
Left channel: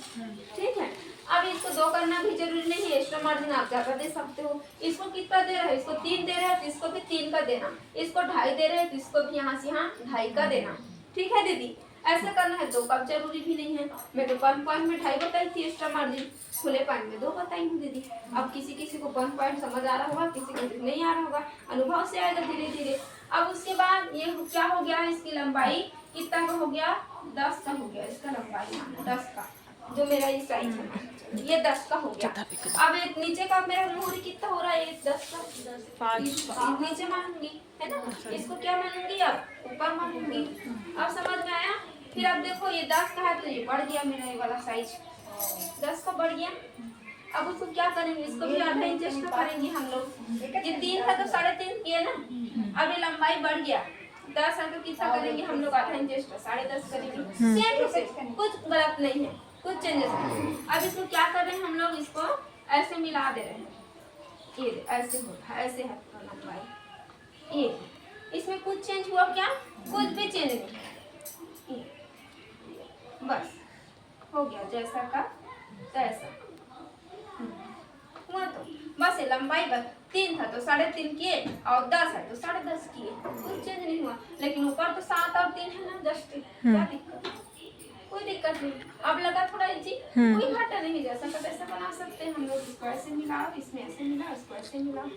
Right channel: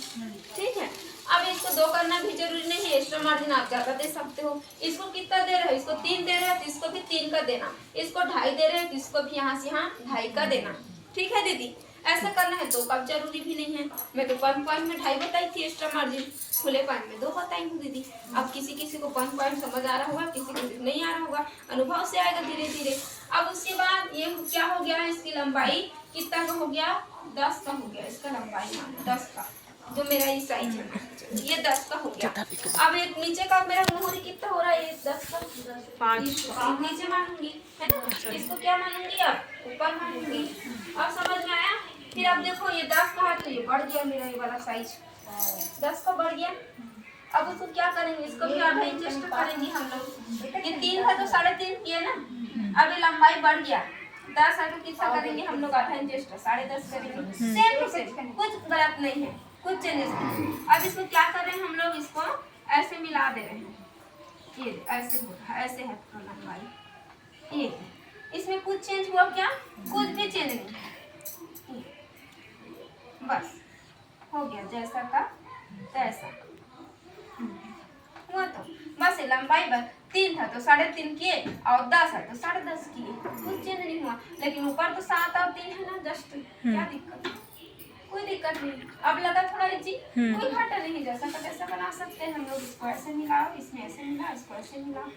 ठीक है, अब इसको 2 करना भी जरूरी नहीं है, एक्स्ट्रा मार्जिन आप ज्यादा दे सकते हो। इसको कितना दे रहे हो, इसको 3 दे रहे हो तो इसको भी 3 का देना, इसको 2.5 दे रहे हो तो इसको भी यहाँ से यहाँ 2.5 का देना। ठीक है दीदी, ऐसा करना है। 2 का जरूरी भी नहीं है। मैं तो 1 पॉइंट में 2.5 बताई थी एक्स्ट्रा मार्जिन, खुले पॉइंट में 2 बताई हूँ दीदी। अब किसी किसी को 1 पॉइंट समझ आ रहा होगा, किसी को नहीं आ रहा होगा, अनुभव से आएगा धीरे धीरे। अब उसके बाद ये क्या हो गया, इसकी लंबाई कितना का हो गया, 10 का हो गया। इसका लंबाई 10 का, जो मेरा ये साइज है ये 10 का हो गया। अब एक नीचे का मेरा मोहरी कितना हो रहा है, ये 10 का 5 नीचे मानूंगी, है ना। इसको क्या मानूंगी, अब ऊपर मानूंगी। अब समझ में आया? फिर अब देखो ये 10 का है तो ये बढ़ गया मेरा ये वाला साइज, 10 का बढ़ गया। अब उसको क्या करेंगे, इसको भी आधा इंच एक्स्ट्रा करेंगे हम लोग। ये 3 है तो 3.5 किए ना। अब ये लंबाई बढ़ गया, 10 है तो कितना करेंगे हम लोग, आधा इंच एक्स्ट्रा 10.5 करेंगे। सेम टू सेम, कुछ गलत नहीं है, कुछ चेंजेस नहीं। अब इसको क्या कर रहे हैं हम लोग, इसको ऐसे मिला दे रहे हैं। ये ऐसे हो रहा है, ऐसे है लंबाई। ये इसमें कुछ चेंज हुआ क्या? कुछ भी चेंज नहीं, बस हो गया जैसा का तैसा हुआ। तो बस ये लंबाई बस 3 था तो 3.5 किए और 10 है तो 10.5 किए, कुछ चेंज नहीं हुआ। लेकिन ऊपर तो 7 और 3 है ना, जस्ट क्या दिक्कत, कोई दिक्कत नहीं। अब लगा थोड़ा इजी, कोई घाटा नहीं, जैसा का तैसा बना सकते हैं हम लोग। इसको ऐसे मिलाओ, इसमें ऐसे मिलाओ, इसको ऐसे मिलाओ।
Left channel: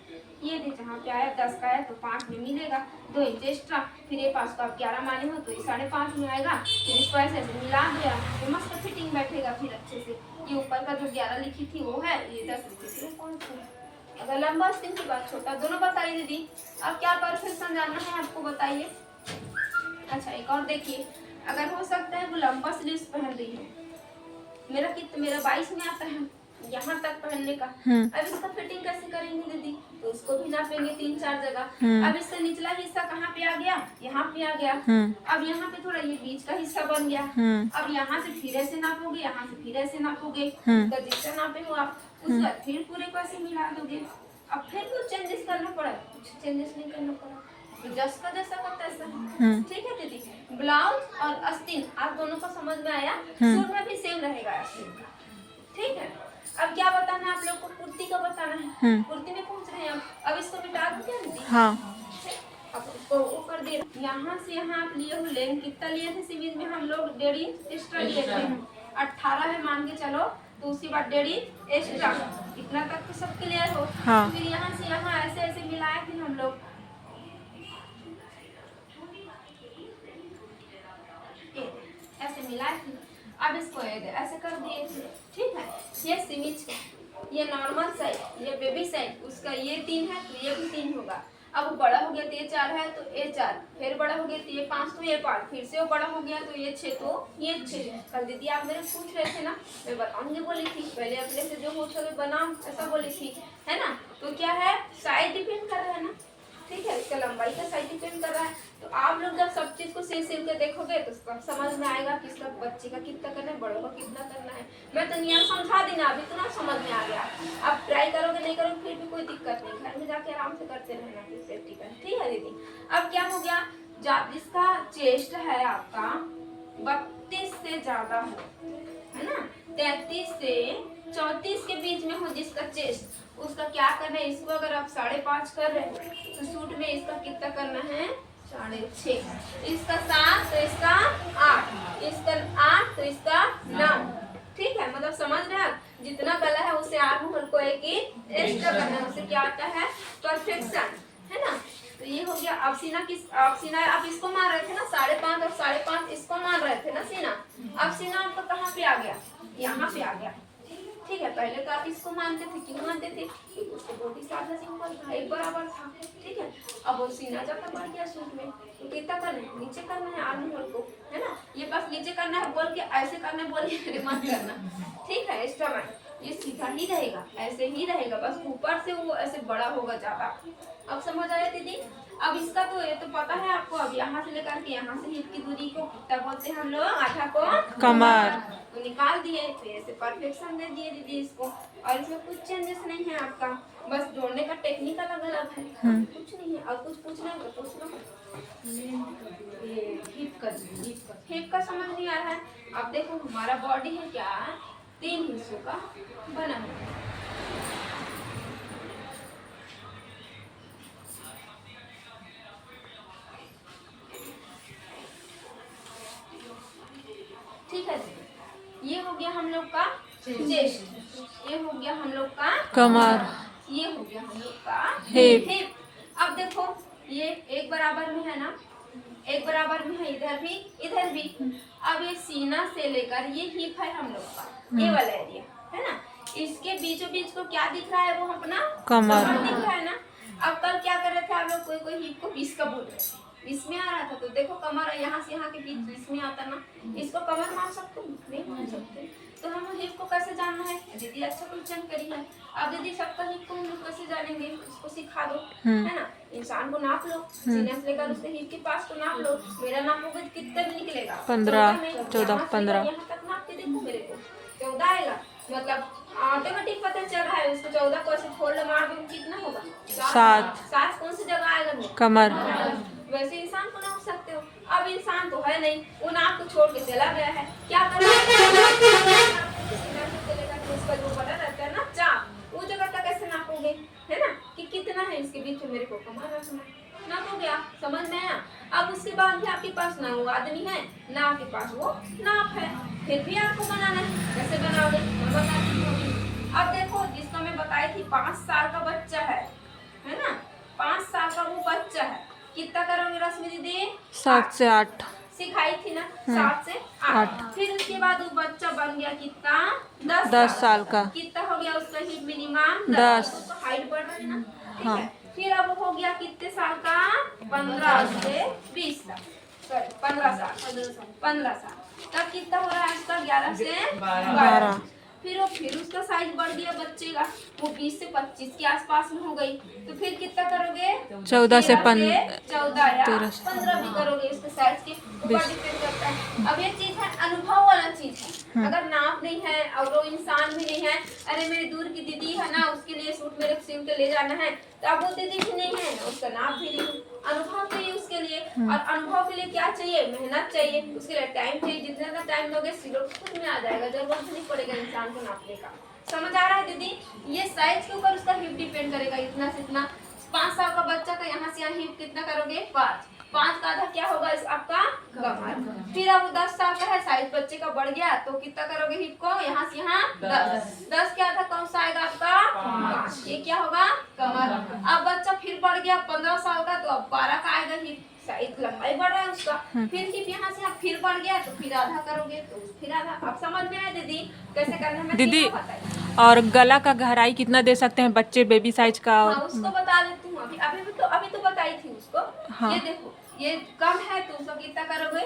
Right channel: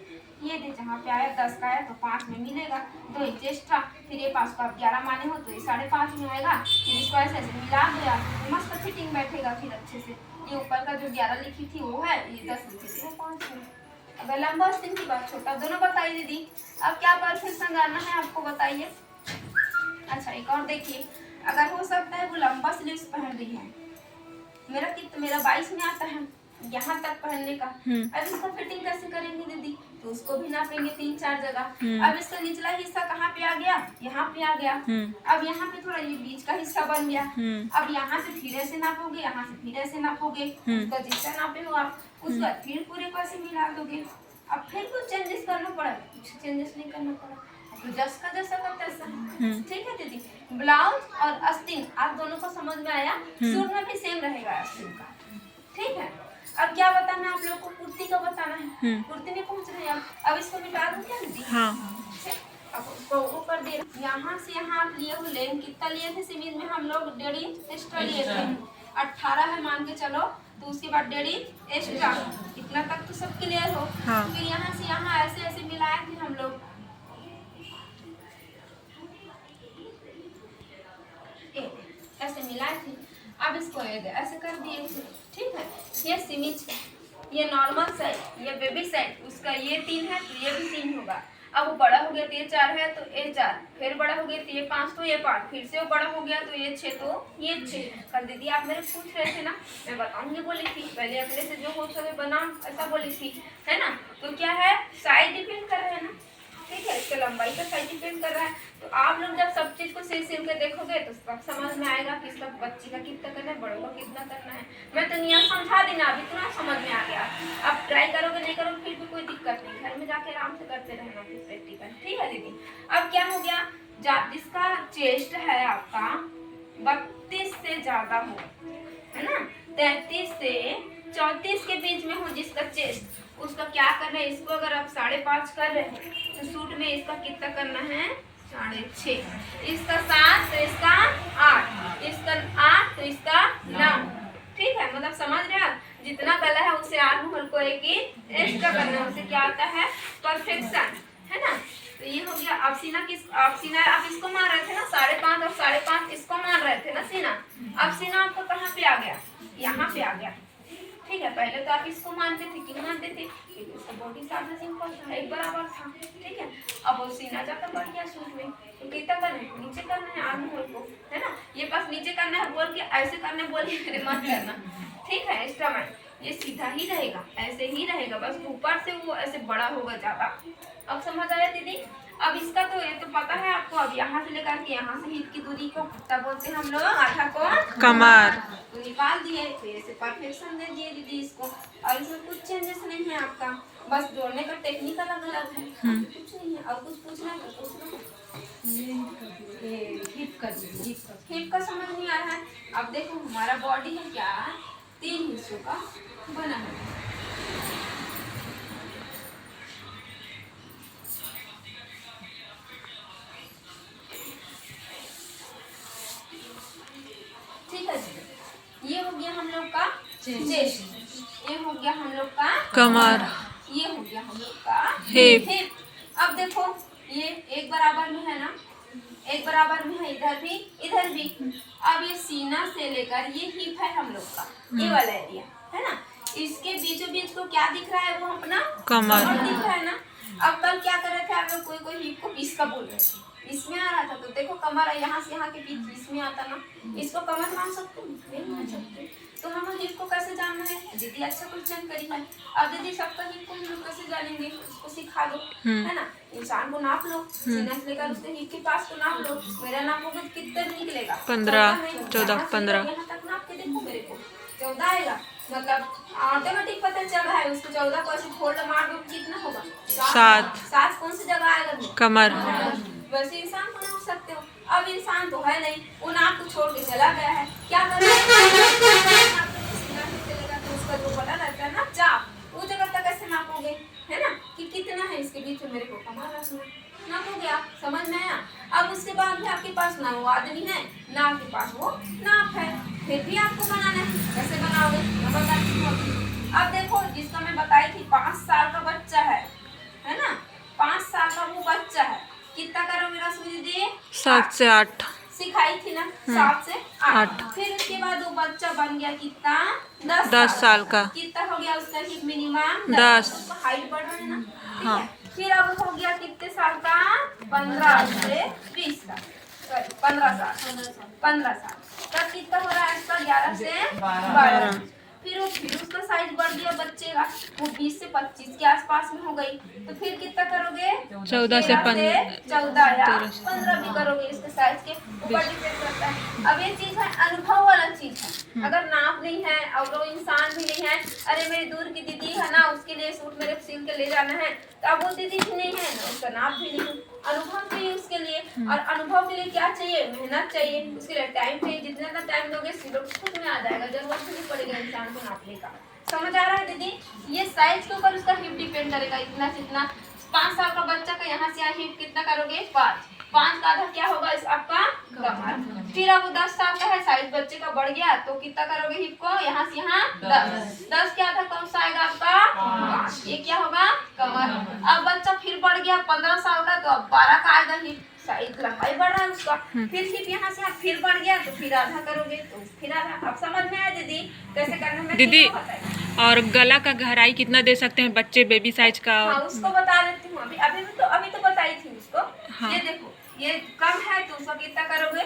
ये देख जहाँ पे आया 10 का आया तो 5 में मिलेगा, 2 इंच एक्स्ट्रा। फिर ये 5 को आप 11 माने हो तो ये 5.5 में आएगा। फिर इसको ऐसे ऐसे मिला दिया, ये मस्त फिटिंग बैठेगा फिर अच्छे से। ये ऊपर का जो 11 लिखी थी वो है, ये 10 लिखी थी वो 5 है। अगर लंबा आस्तीन की बात छोटा, दोनों बताइए दीदी। अब क्या परफेक्शन जानना है आपको, बताइए। अच्छा एक और देखिए, अगर हो सकता है वो लंबा स्लीव्स पहन रही है, मेरा 22 में आता है यहाँ तक पहनने का। अब इसका फिटिंग कैसे करेंगे दीदी, तो उसको भी नापेंगे 3-4 जगह। अब इसका निचला हिस्सा कहाँ पे आ गया, यहाँ पे आ गया। अब यहाँ पे थोड़ा ये बीच का हिस्सा बन गया। अब यहाँ से फिर ऐसे नापोगे, यहाँ से फिर ऐसे नापोगे, उसका जितना नापे हो आप, उसके बाद फिर पूरे को ऐसे मिला दोगे। अब फिर कुछ चेंजेस करना पड़ा, कुछ चेंजेस नहीं करना पड़ा, तो जैसा का तैसा। ठीक है दीदी, ब्लाउज और आस्तीन आप दोनों को समझ में आया। सूट में भी सेम रहेगा आस्तीन का। ठीक है, अब क्या बताना है आप लोग को, कुर्ती का बताना है। कुर्ती में पहुंच रहे हैं अब इसको मिटा दो क्या दीदी? हाँ। अब उसको ऊपर दे, यहाँ से यहाँ आप लिए हो लेंथ कितना लिए थे सिमीज में हम लोग, 1.5 इंच एक्स्ट्रा लिए थे। 18 है मान के चलो, तो उसके बाद 1.5 इंच एक्स्ट्रा, इतना तक तो सब क्लियर हो। फिर यहाँ से यहाँ ऐसे ऐसे मिलाए थे हम लोग, ऐसे मिलाए थे। अब इसको ऐसे कर दिए थे। ठीक है, ये सिमीज का, ये नॉर्मल साइड, ये बेबी साइड, उसका ये 3 है तो ये भी 3 होगा। अब वो बड़ा हो गया तो ये 4 है तो ये 4, फिर बड़ा हो गया तो ये 5 तो ये 5, फिर से वो बड़ा हो गया तो ये 6 तो ये 6। कल दीदी आप मेरे पूछ रहे थे ना, मैं बताऊंगी बोली थी, पहले अपने से जो हो सके बना, ऐसा बोली थी, है ना। तो क्या है, साइज डिपेंड कर रहा है ना। ठीक है, इसका लंबाई का साइज डिपेंड कर रहा है। तो आप लोग जब सब चीज को सिल के देखोगे तो सब समझ में आएगा कि इसका बच्ची का कितना करना है, बड़ों का कितना करना है। मैं तो नियम समझा दी ना, अभी इतना समझ में आ गया। आप ट्राई करोगे नहीं करोगे फिर भी कोई दिक्कत नहीं, घर में जाके आराम से करते रहना फिर प्रैक्टिकल। ठीक है दीदी, अब क्या हो गया, जिसका चेस्ट है आपका 32 से से ज्यादा हो, है ना। 33 से 34 के बीच में हो जिसका चेस्ट, उसका क्या करना है, इसको अगर आप 5.5 कर रहे हो तो सूट में इसका कितना करना है 6.5, इसका 7 तो इसका 8, इसका 8 तो इसका 9। ठीक है, मतलब समझ रहे हैं, जितना गला है उसे आर्म होल को एक ही एक्स्ट्रा करना है, उसे क्या आता है परफेक्शन, है ना। तो ये हो गया। अब सीना आप इसको मान रहे थे ना 5.5 और 5.5 इसको मान रहे थे ना सीना। अब सीना आपका कहाँ पे आ गया, यहाँ पे आ गया। ठीक है, पहले तो आप इसको मानते थे, क्यों मानते थे, क्योंकि उसका बॉडी साइज सिंपल था, एक बराबर था। ठीक है, अब वो सीना जाकर बढ़ गया सूट में, तो कितना करना है, नीचे करना है आर्म होल को, है ना। ये बस नीचे करना है बोल के ऐसे करने बोलिए मेरे मत करना। ठीक है, स्टमक ये सीधा ही रहेगा, ऐसे ही रहेगा, बस ऊपर से वो ऐसे बड़ा होगा ज्यादा। अब समझ आया दीदी। अब इसका तो ये तो पता है आपको। अब यहाँ से लेकर के यहाँ से हिप की दूरी को कितना बोलते हैं हम लोग, आधा को कमर, तो निकाल दिए, तो ऐसे परफेक्शन दे दिए दीदी इसको। और इसमें कुछ चेंजेस नहीं है आपका, बस जोड़ने का टेक्निक अलग अलग है, कुछ नहीं है। और कुछ पूछना है तो पूछ लो। हिप का समझ नहीं आ रहा है। अब देखो हमारा बॉडी है क्या, 3 हिस्सों का बना है। ठीक है जी, ये हो गया हम लोग का चेस्ट, ये हो गया हम लोग का कमर, ये हो गया हम लोग का हिप। अब देखो ये एक बराबर में है ना, एक बराबर में है इधर भी इधर भी। अब ये सीना से लेकर ये हिप है हम लोग का, ये वाला एरिया है ना, इसके बीचों बीच को क्या दिख रहा है, वो अपना कमर दिख रहा है ना। अब कल क्या कर रहे थे आप लोग, कोई हिप को पीस का बोल रहे थे, इसमें आ रहा था, तो देखो कमर है यहाँ से यहाँ के बीच इसमें आता ना, इसको कमर मान सकते हो, नहीं मान सकते। तो हम हिप को कैसे जानना है दीदी, अच्छा क्वेश्चन करी है। अब दीदी सबका हिप को हम लोग कैसे जानेंगे, उसको सिखा दो, है ना। इंसान को नाप लो, सीना से लेकर उसके हिप के पास को नाप लो, मेरा नापोगे कितना निकलेगा 15, 14, 15 यहाँ तक नाप के देखो, मेरे को 14 आएगा, मतलब ऑटोमेटिक पता चल रहा है। उसको 14 को ऐसे फोल्ड मार दो कितना होगा 7 कौन सी जगह आएगा, कमर। वैसे इंसान को नाप सकते हो। अब इंसान तो है नहीं, वो नाप को छोड़ के चला गया है, क्या कर रहा है, चलेगा तो उसका जो बना रहता है ना चाप, वो जगह तक कैसे नापोगे, है ना, कि कितना है इसके बीच में, मेरे को कमर रखना, नापोगे आप, समझ में आया। अब उसके बाद भी आपके पास ना वो आदमी है ना आपके पास वो नाप है, फिर भी आपको बनाना है, कैसे बनाओगे मैं बताती हूँ। अब देखो जिसका मैं बताई थी 5 साल का बच्चा है ना, 5 साल का वो बच्चा है, कितना करोगे रश्मि दीदी, 7 से 8 सिखाई थी ना, 7 से 8। फिर उसके बाद वो बच्चा बन गया कितना 10 साल का, कितना हो गया उसका हिप मिनिमम 10, हाइट बढ़ रहा है ना, ठीक हाँ। है। फिर अब हो गया कितने साल का, 15 से 20 साल, सॉरी 15 साल तब कितना हो रहा है इसका 11 से 12। फिर उसका साइज बढ़ गया बच्चे का, वो 20 से 25 के आसपास में हो गई, तो फिर कितना करोगे 14 से 14 या 15 भी करोगे, इसके साइज के ऊपर डिपेंड करता है। अब ये चीज है अनुभव वाला चीज है, अगर नाप नहीं है और वो इंसान भी नहीं है, अरे मेरी दूर की दीदी है ना, उसके लिए सूट मेरे सिल के ले जाना है, तो अब वो दीदी भी नहीं है ना, उसका नाप भी नहीं है, अनुभव चाहिए उसके लिए। और अनुभव के लिए क्या चाहिए, मेहनत चाहिए, उसके लिए टाइम चाहिए, जितना टाइम दोगे सिलों खुद में आ जाएगा, जरूरत नहीं पड़ेगा इंसान को नापने का। समझ आ रहा है दीदी, ये साइज के ऊपर उसका हिप डिपेंड करेगा, इतना से इतना। 5 साल का बच्चा का यहाँ से यहाँ हिप कितना करोगे 5 का आधा क्या होगा इस आपका कमर। फिर अब 10 साल का है, साइज बच्चे का बढ़ गया, तो कितना करोगे हिप को, यहाँ से यहाँ 10 के आधा कौन सा आएगा आपका 5, ये क्या होगा कमर। अब बच्चा फिर बढ़ गया 15 साल का, तो अब 12 का आएगा हिप, साइज लंबाई बढ़ रहा है उसका। फिर हिप यहाँ से यहाँ फिर बढ़ गया, तो फिर आधा करोगे तो फिर आधा। अब समझ में आया दीदी कैसे करने में दीदी। और गला का गहराई कितना दे सकते हैं बच्चे बेबी साइज का? हाँ, उसको बता देती हूँ, अभी तो बताई थी उसको। हाँ। ये देखो ये कम है तो उसका कितना करोगे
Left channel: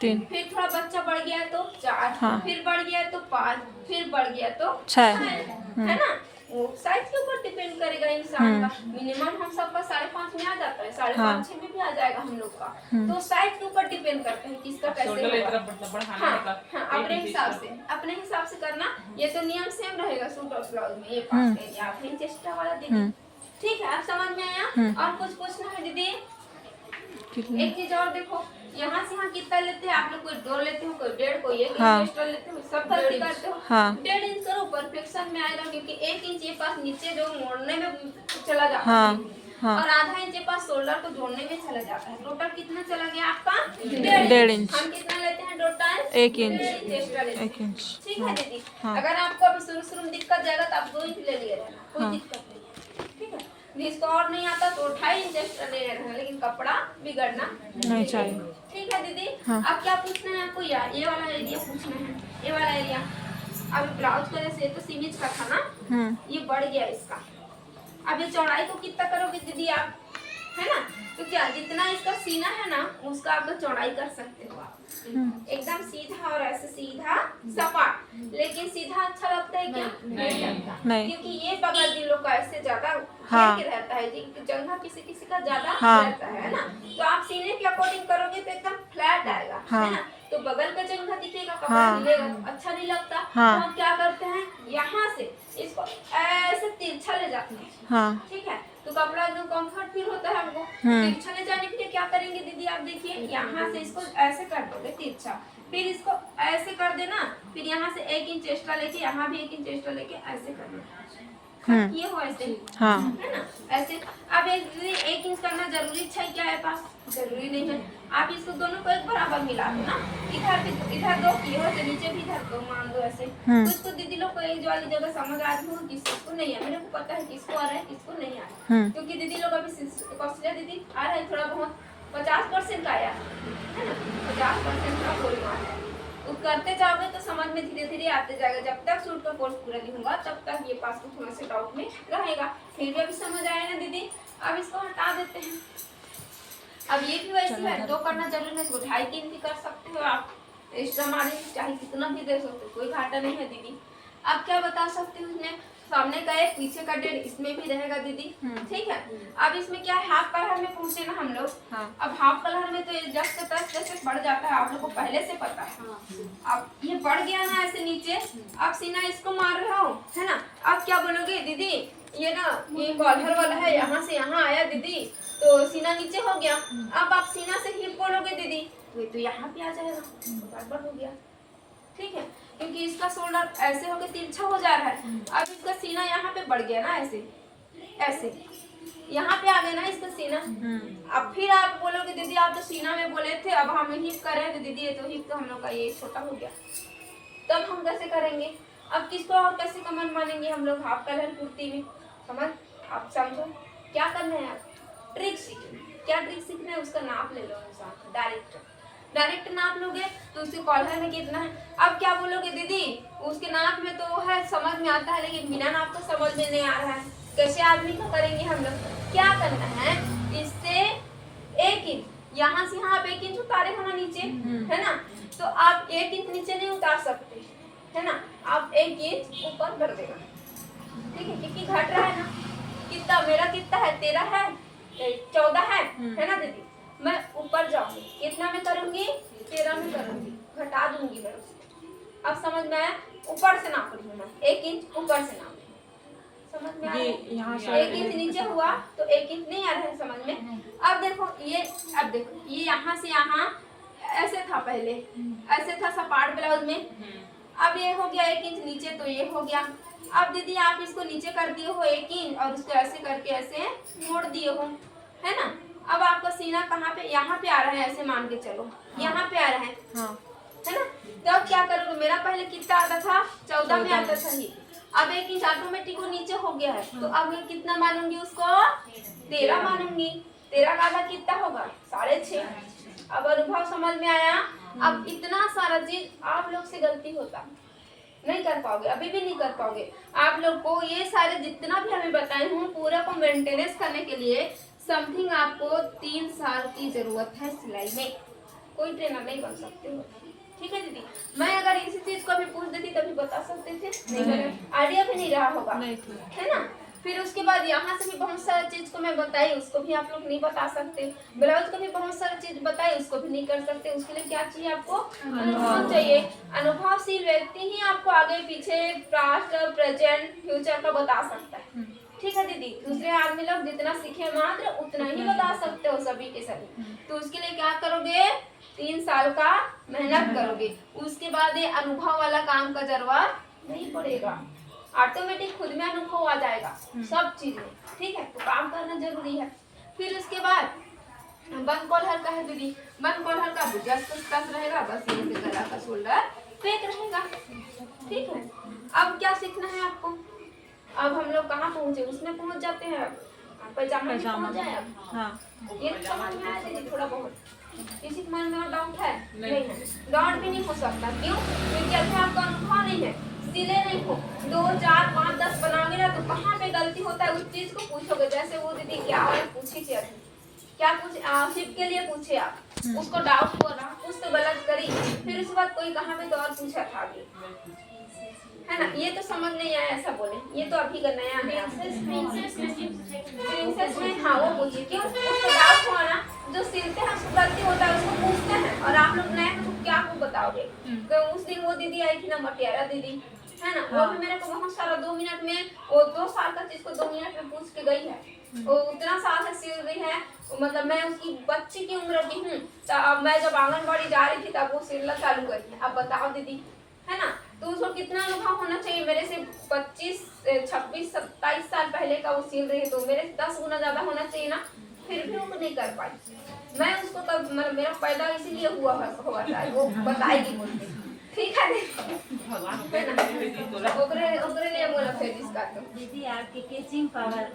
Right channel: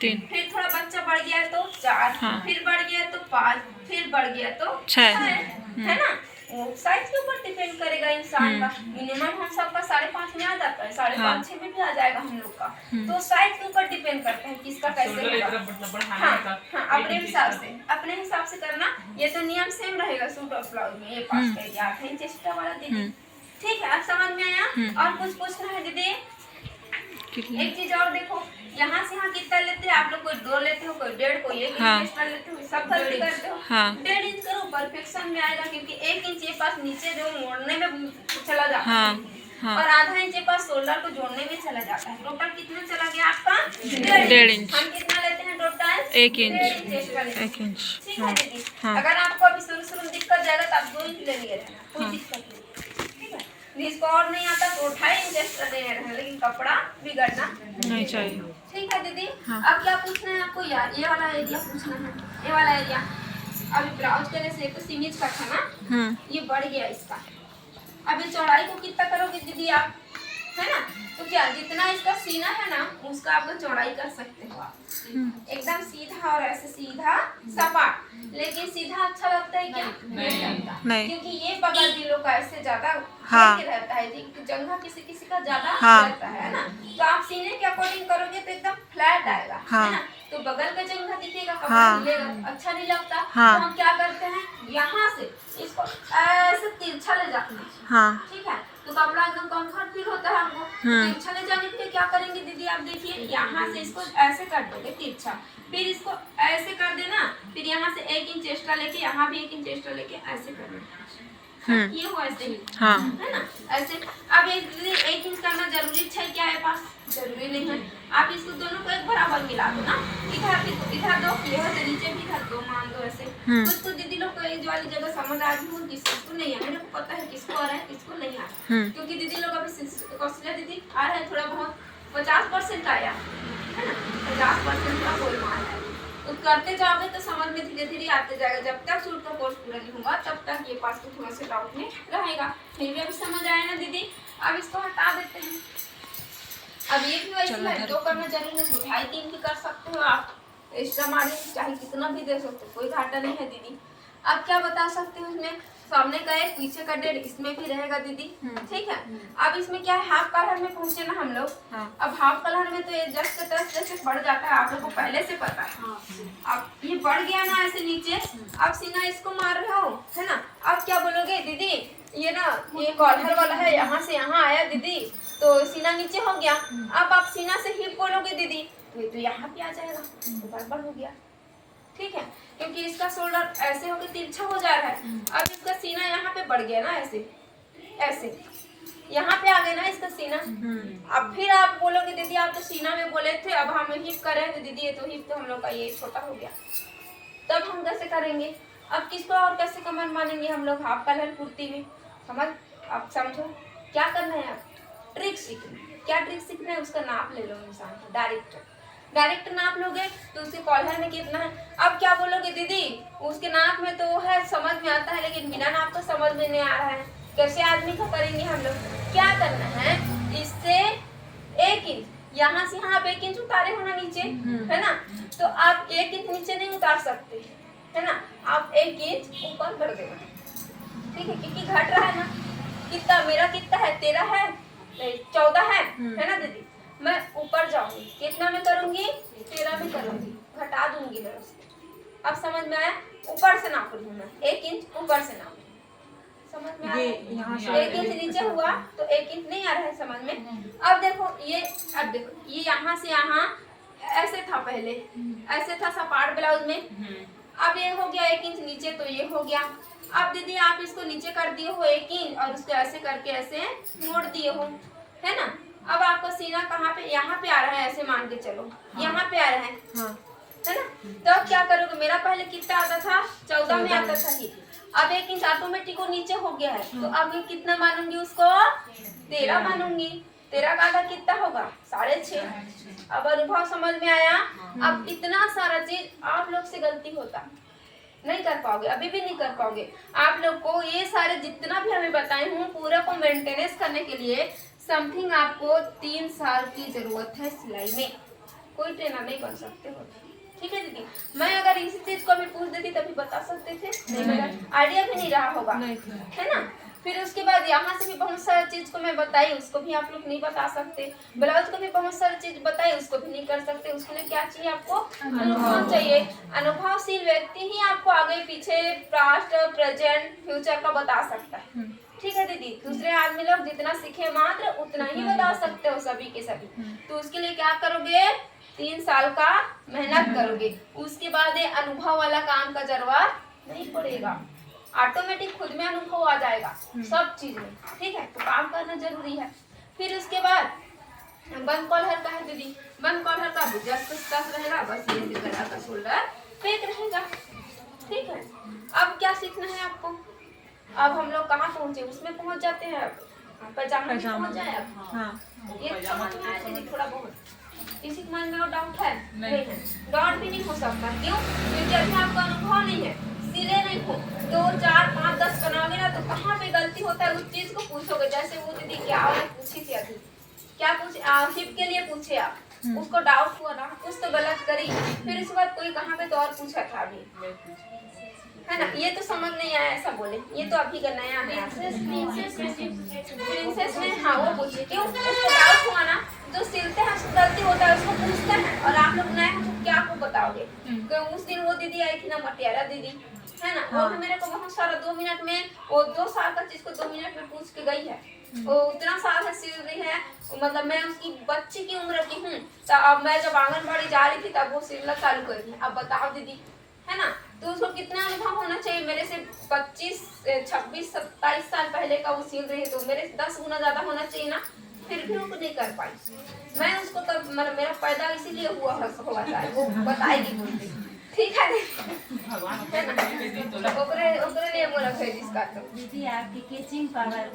3। फिर थोड़ा बच्चा बढ़ गया तो 4, हाँ। फिर बढ़ गया तो 5, फिर बढ़ गया तो 6, है ना। वो साइज के ऊपर डिपेंड करेगा इंसान का। मिनिमम हम सबका 5.5 में आ जाता है, 5.5 6 में भी आ जाएगा हम लोग का। तो साइज के ऊपर डिपेंड करता है किसका कैसे होगा। हाँ, अपने हिसाब से करना। ये तो नियम सेम रहेगा सूट और ब्लाउज में, ये 5 का 8 इंच एक्स्ट्रा वाला दीदी। ठीक है, आप समझ में आया। और कुछ पूछना है दीदी? एक चीज और देखो, यहाँ से यहाँ कितना लेते हैं आप लोग, कोई 2 लेते हो, कोई 1.5, कोई 1 हाँ। इंच एक्स्ट्रा लेते हो, सब गलती करते हो। हाँ 1.5 इंच करो, परफेक्शन में आएगा, क्योंकि 1 इंच ये पास नीचे जो मोड़ने में चला जाता हाँ है हाँ और आधा इंच ये पास शोल्डर को जोड़ने में चला जाता है। टोटल कितना चला गया आपका? 1.5 इंच। हम कितना लेते हैं टोटल? 1 इंच। 1.5 इंच एक्स्ट्रा लेते हैं। 1 इंच। ठीक है हाँ दीदी। हाँ। अगर आपको अभी शुरू में दिक्कत जाएगा तो आप 2 इंच ले लिए रहना, कोई हाँ। दिक्कत नहीं। ठीक है, जिसको और नहीं आता तो 2.5 इंच एक्स्ट्रा ले रहना, लेकिन कपड़ा बिगड़ना नहीं चाहिए। ठीक है दीदी। हाँ। अब क्या पूछना है आपको? यार ये वाला एरिया पूछना है, ये वाला एरिया। अभी ब्लाउज करे से तो सीमित का था ना, ये बढ़ गया इसका। अभी चौड़ाई को कितना करोगे दीदी आप, है ना? तो क्या जितना इसका सीना है ना उसका आप लोग चौड़ाई कर सकते हो आप, एकदम सीधा और ऐसे सीधा सपाट। लेकिन सीधा अच्छा लगता है क्या? नहीं लगता, नहीं। क्योंकि ये बगल भी लोग का ऐसे ज्यादा हाँ। घेर के रहता है जी, जंघा किसी किसी का ज्यादा हाँ। रहता है ना। तो आप सीने के अकॉर्डिंग करोगे तो एकदम फ्लैट आएगा, हाँ। है ना? तो बगल का जंघा दिखेगा, कपड़ा हाँ। हिलेगा, अच्छा नहीं लगता। हाँ। तो हम क्या करते हैं, यहाँ से इसको ऐसे तिरछा ले जाते हैं, हाँ ठीक है? तो कपड़ा एकदम कंफर्ट फील होता है हमको। तिरछा ले जाने के लिए क्या करेंगे दीदी आप देखिए, यहाँ से इसको ऐसे कर दोगे तिरछा, फिर इसको ऐसे कर देना, फिर यहाँ से 1 इंच एक्स्ट्रा लेके यहाँ भी 1 इंच एक्स्ट्रा लेके ऐसे कर देना। ये हो ऐसे हाँ। है ना, ऐसे। अब 1 इंच करना जरूरी है क्या है पास? जरूरी नहीं है। आप इसको दोनों को एक बराबर मिला दो ना, इधर 2 किए हो तो नीचे भी इधर 2 मान दो ऐसे। कुछ तो दीदी लोग को ये जो वाली जगह समझ आ रही हो, किसको नहीं है, मेरे को पता है किसको आ रहा है किसको नहीं आ रहा है। क्योंकि दीदी लोग अभी कौशल्या दीदी आ रहा है थोड़ा बहुत 50% आया है ना, 50% का कोई मान है। तो करते जाओगे तो समझ में धीरे धीरे आते जाएगा। जब तक सूट का कोर्स पूरा नहीं होगा तब तक ये पास तो थोड़ा सा डाउट में रहेगा। फिर भी अभी समझ आया ना दीदी? अब इसको हटा देते हैं। अब ये भी वैसे है, 2 करना जरूरी नहीं, 2.5-3 भी कर सकते हो आप, एक्स्ट्रा मारे चाहे कितना भी दे सकते हो, कोई घाटा नहीं है दीदी। अब क्या बता सकते हो, इसमें सामने का 1 पीछे का 1.5 इसमें भी रहेगा दीदी, ठीक है? अब इसमें क्या है, हाफ कलर में पहुंचे ना हम लोग। हाँ। अब हाफ कलर में तो ये जस्ट तक जैसे बढ़ जाता है, आप लोग को पहले से पता है। अब ये बढ़ गया ना ऐसे नीचे, अब सीना इसको मार रहे हो, है ना? अब क्या बोलोगे दीदी, ये ना ये कॉलर वाला है, यहाँ से यहाँ आया दीदी तो सीना नीचे हो गया। अब आप सीना से हिप बोलोगे दीदी तो यहाँ पे आ जाएगा, तो गड़बड़ हो गया, ठीक है? क्योंकि इसका शोल्डर ऐसे होके तिरछा हो जा रहा है। अब इसका सीना यहाँ पे बढ़ गया ना, ऐसे ऐसे यहाँ पे आ गया ना इसका सीना। अब फिर आप बोलोगे दीदी आप तो सीना में बोले थे, अब हम हिप कर रहे हैं तो दीदी ये तो हिप तो हम लोग का ये छोटा हो गया, तब हम कैसे करेंगे? अब किसको और कैसे कमर मानेंगे हम लोग? हाफ कलर कुर्ती में समझ, आप समझो क्या करना है। आप ट्रिक सीखना, क्या ट्रिक सीखना है उसका नाप ले लो इंसान, डायरेक्ट नाप लोगे तो उसके कॉलर में कितना है। अब क्या बोलोगे दीदी उसके नाप में तो है, समझ में आता है, लेकिन बिना नाप तो समझ में नहीं आ रहा है, कैसे आदमी को करेंगे हम लोग? क्या करना है, इससे 1 इंच यहाँ से यहाँ आप 1 इंच उतारे हो ना नीचे, है ना? तो आप 1 इंच नीचे नहीं उतार सकते, है ना? आप 1 इंच ऊपर कर देना, ठीक है? क्योंकि घट रहा है ना, कितना मेरा कितना है, 13 है, 14 है ना दीदी? मैं ऊपर जाऊंगी, कितना में करूंगी? 13 में करूंगी, घटा दूंगी मैं उसको। अब समझ में आया? ऊपर से नाप रही हूँ मैं, 1 इंच ऊपर से नाप रही हूँ, समझ में आया? यहाँ से 1 इंच नीचे हुआ तो 1 इंच नहीं आ रहा है समझ में? अब देखो ये, अब देखो ये यहाँ से यहाँ ऐसे था, पहले ऐसे था सपाट ब्लाउज में, अब ये हो गया 1 इंच नीचे, तो ये हो गया। अब दीदी आप इसको नीचे कर दिए हो 1 इंच और उसको ऐसे करके ऐसे मोड़ दिए हो, है ना? अब आपका सीना कहाँ पे, यहाँ पे आ रहा है, ऐसे मान के चलो यहाँ पे आ रहा है, है ना? तो अब क्या करोगे, मेरा पहले कितना आता था, 14 में आता था ये, अब 1 इंच ऑटोमेटिक वो नीचे हो गया है, तो अब मैं कितना मानूंगी उसको? 13 मानूंगी। 13 का आधा कितना होगा? 6.5। अब अनुभव समझ में आया? अब इतना सारा चीज आप लोग से गलती होता, नहीं कर पाओगे, अभी भी नहीं कर पाओगे। आप लोग को ये सारे जितना भी हमें बताए हूँ पूरा को मेंटेनेंस करने के लिए समथिंग आपको 3 साल की जरूरत है सिलाई में, कोई ट्रेनर नहीं बन सकते हो, ठीक है दीदी? मैं अगर इसी चीज को भी पूछ देती तभी बता सकते थे, नहीं बता, आइडिया भी नहीं रहा होगा, है ना? फिर उसके बाद यहाँ से भी बहुत सारा चीज को मैं बताई, उसको भी आप लोग नहीं बता सकते। ब्लाउज को भी बहुत सारा चीज बताई, उसको भी नहीं कर सकते। उसके लिए क्या चाहिए आपको? अनुभव चाहिए। अनुभवशील व्यक्ति ही आपको आगे पीछे पास्ट प्रेजेंट फ्यूचर का बता सकता है, ठीक है दीदी? दूसरे आदमी लोग जितना सीखे मात्र उतना ही बता सकते हो, सभी के सभी। तो उसके लिए क्या करोगे? 3 साल का मेहनत करोगे, उसके बाद ये अनुभव वाला काम का जरूरत नहीं पड़ेगा, ऑटोमेटिक खुद में अनुभव आ जाएगा सब चीज में। ठीक है, तो काम करना जरूरी है। फिर उसके बाद बंद कॉलर का है दीदी, बंद कॉलर का जस्ट कस रहेगा, बस ये गला का शोल्डर फेक रहेगा। ठीक है, अब क्या सीखना है आपको? अब हम लोग कहाँ पहुँचे, उसमें पहुँच जाते हैं। अब पैजामा में पहुँच जाए। अब हाँ ये समझ में आया दीदी थोड़ा बहुत? किसी के मन में डाउट है? नहीं है, डाउट भी नहीं हो सकता। क्यों? क्योंकि अभी आपका अनुभव नहीं है, सिले नहीं हो। 2, 4, 5, 10 बनाओगे ना तो कहाँ पे गलती होता है उस चीज को पूछोगे। जैसे वो दीदी क्या पूछी थी अभी, क्या पूछे, हिप के लिए पूछे आप, उसको डाउट हुआ ना, कुछ तो गलत करी, फिर उसके बाद कोई कहाँ पे तो और पूछा था अभी, है ना? ये तो समझ नहीं आया ऐसा बोले, ये तो अभी का नया है। प्रिंसेस में हाँ वो पूछी, क्यों? उसको डाउट हुआ ना, जो सिलते हैं उसको गलती होता है उसको पूछते हैं, और आप लोग नए हैं तो क्या आपको बताओगे? उस दिन वो दीदी आई थी ना, मटियारा दीदी, है ना? वो भी मेरे को बहुत सारा 2 मिनट में, वो 2 साल का चीज को 2 मिनट में पूछ के गई है। वो उतना साल से सिल रही है, मतलब मैं उसकी बच्ची की उम्र की हूँ, तो अब मैं जब आंगनबाड़ी जा रही थी तब वो सिलना चालू कर दी। अब बताओ दीदी, है ना? तो उसको कितना अनुभव होना चाहिए? मेरे से 25, 26, 27 साल पहले का वो सिल रही है, तो मेरे 10 गुना ज्यादा होना चाहिए ना। फिर भी वो नहीं कर पाई। मैं उसको कब, मतलब मेरा पैदा इसीलिए हुआ था, वो बताएगी मुझे। ठीक है, ओकरे लिए बोला फिर इसका तो दीदी आपके कैचिंग पावर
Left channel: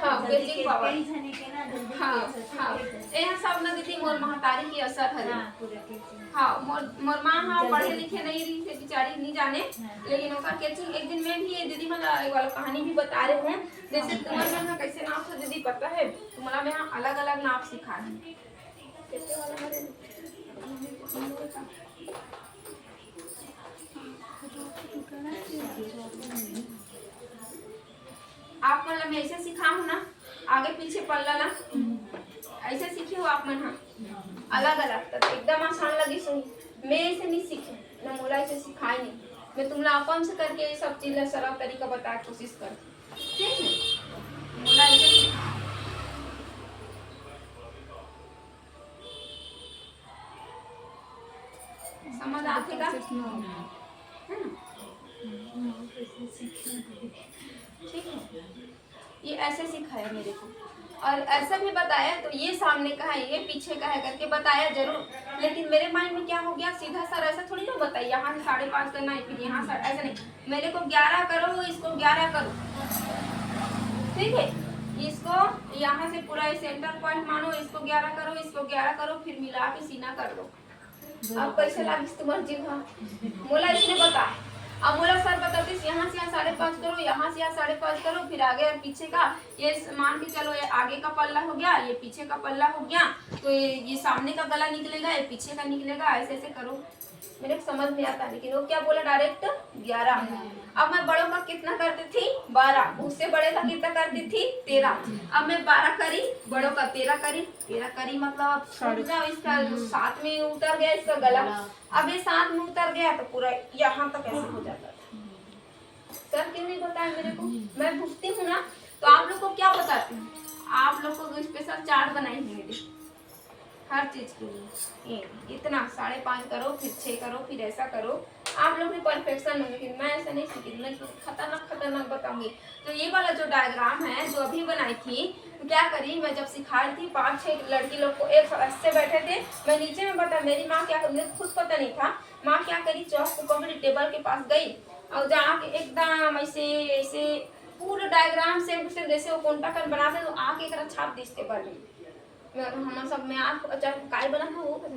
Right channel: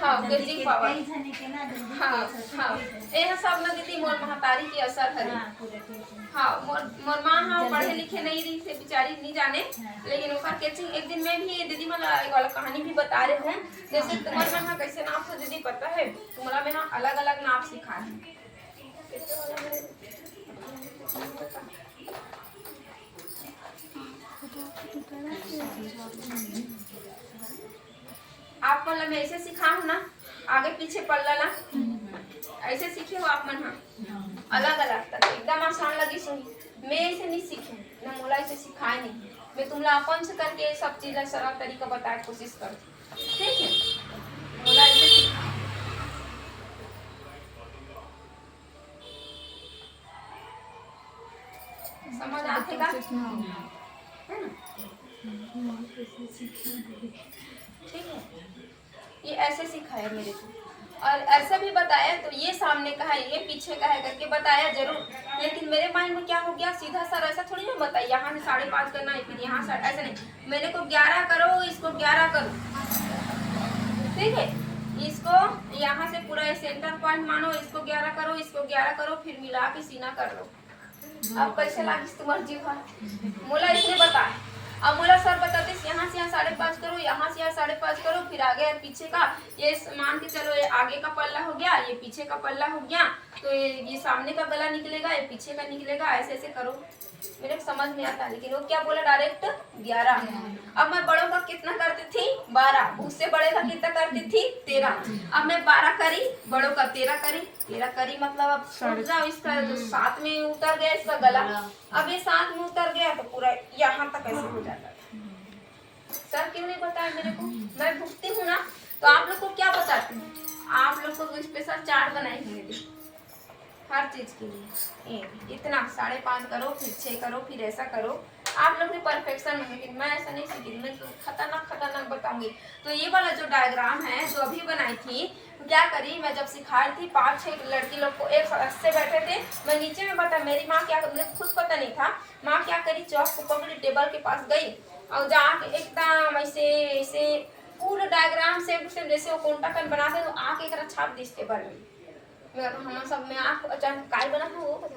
हाँ, कैचिंग पावर टेंशन के ना जल्दी हाँ यह सब ना दीदी मोर महतारी की असर है। हाँ, मोर माँ हाँ पढ़े लिखे नहीं रही से बेचारी नहीं जाने, लेकिन ओकर कैचिंग एक दिन में भी दीदी मला एक वाला कहानी भी बता रहे हूँ। जैसे तुम्हारे में हाँ कैसे नाप से दीदी पता है, तुम्हारा में हाँ अलग अलग नाप सिखाए हैं। आप मतलब मैं ऐसे सिखा हूँ ना, आगे पीछे पल्ला ला ऐसे सीखे हो आप मन। हाँ, अलग अलग तक एकदम आसान लगी सुनी। मैं ऐसे नहीं सीखे ना, मोला ऐसे सिखाए नहीं। मैं तुमला अपन से करके सब चीज सरल तरीका बताए कोशिश कर। ठीक है, मोला ऐसे समझ आते का? ठीक है, ये ऐसे सिखाया मेरे को, और ऐसा भी बताया तो ये सामने का है, ये पीछे का है करके बताया जरूर। लेकिन मेरे माइंड में क्या हो गया, सीधा सर ऐसा थोड़ी ना बताया, यहाँ से 5.5 करना है, फिर यहाँ से ऐसा नहीं। मेरे को 11 करो, इसको 11 करो। ठीक है, इसको यहाँ से पूरा सेंटर पॉइंट मानो, इसको 11 करो, इसको 11 करो, फिर मिला के सीना कर लो। अब कैसे लगी तुम्हारी जीव? मोला इसने बताया। अब मोला सर बताते यहाँ से यहाँ 5.5 करो, यहाँ से यहाँ 5.5 करो, फिर आगे पीछे का ये मान के चलो, ये आगे का पल्ला हो गया, ये पीछे का पल्ला हो गया, तो ये सामने का गला निकलेगा, ये पीछे का निकलेगा, ऐसे ऐसे करो। मेरे को समझ में आता, लेकिन वो क्या बोला डायरेक्ट 11। अब मैं बड़ों का कितना करती थी 12, उससे बड़े का कितना करती थी 13। अब मैं 12 करी, बड़ों का 13 करी, 13 करी मतलब अब जाओ इसका 7 में उतर गया इसका गला। अब ये 7 में उतर गया तो पूरा यहाँ तक ऐसे हो जाता। सर क्यों नहीं बताया मेरे को? मैं भुगती हूँ ना, तो आप लोग को क्या बताती हूँ? आप लोग को स्पेशल चार्ट बनाई हुई हर चीज के लिए। इतना 5.5 करो, फिर 6 करो, फिर ऐसा करो। आप लोग भी परफेक्शन होंगे, मैं ऐसा नहीं सीखी, मैं तो खतरनाक बताऊंगी। तो ये वाला जो डायग्राम है जो अभी बनाई थी, तो क्या करी, मैं जब सिखा रही थी 5-6 लड़की लोग को एक से बैठे थे, मैं नीचे में बता, मेरी माँ क्या, मुझे खुद पता नहीं था, माँ क्या करी, चौक को पकड़ी, टेबल के पास गई और जाके एकदम ऐसे ऐसे पूरा डायग्राम सेम टू सेम जैसे वो कॉन्टैक्ट बनाते तो आके एक छाप दी टेबल में। हम सब में आँख अचानक काय बना है वो पता,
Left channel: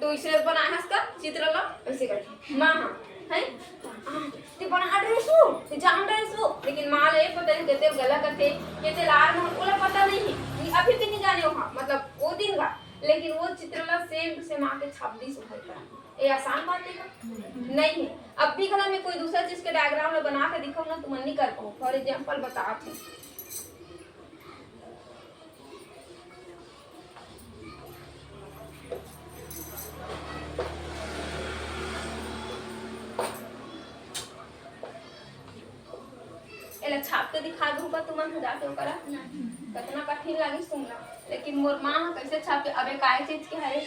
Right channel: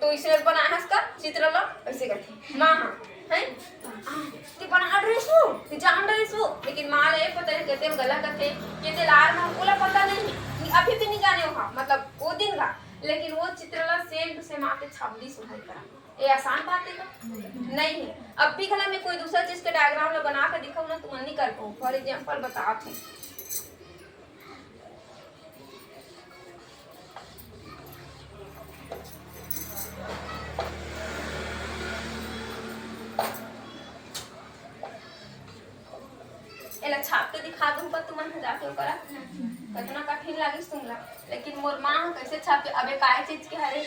तो इसे बना है इसका चित्र लो ऐसे करके माँ है ते बना ड्रेस हो, ते जान ड्रेस हो, लेकिन माँ ले पता नहीं कहते गलत करते कहते लार में ओला पता नहीं है, अभी भी नहीं जाने हो मतलब वो दिन का, लेकिन वो चित्र ला सेम टू सेम आके छाप दी सुधार करा। ये आसान बात है का नहीं है। अब भी खला मैं कोई दूसरा चीज के डायग्राम में बना के दिखाऊं ना तो मन नहीं कर पाऊँ। फॉर एग्जाम्पल बताते हैं, छाप के दिखा दूँ पर तुम जाके करा कितना कठिन लगे तुमला, लेकिन मोर माँ कैसे छापे अबे काय चीज के है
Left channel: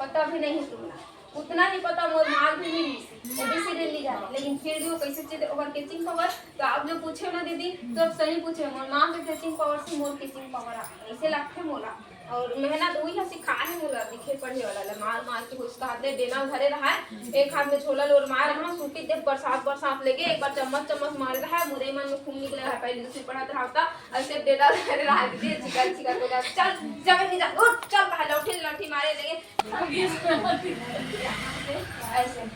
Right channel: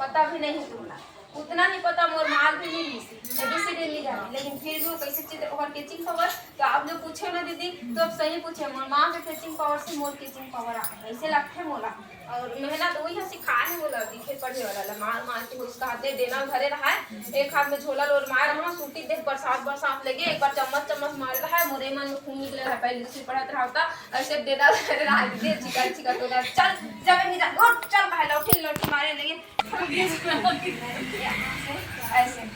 पता भी नहीं तुमला, उतना ही पता मोर माँ भी नहीं एबीसीडी लिखा है, लेकिन फिर भी वो कैसे चित्र और कैचिंग पावर। तो आप लोग पूछे ना दीदी तो अब सही पूछे, मोर माँ के कैचिंग पावर से मोर कैचिंग पावर आ ऐसे लगते मोला, और मेहनत वही है सिखाए है मोला दिखे पढ़े वाला मार मार के उसका हाथे देना भरे रहा है, एक हाथ में झोला लोर मार रहा सूटी देख बरसात बरसात लेके एक बार चम्मच चम्मच मार रहा है, मोरे मन में खून निकले है, पहले दूसरी पढ़ाता रहा होता ऐसे देना धरे रहा दीदी चिका चिका तो चल जब नहीं जा उठ चल भाई लौटी लौटी मारे लगे ऐसे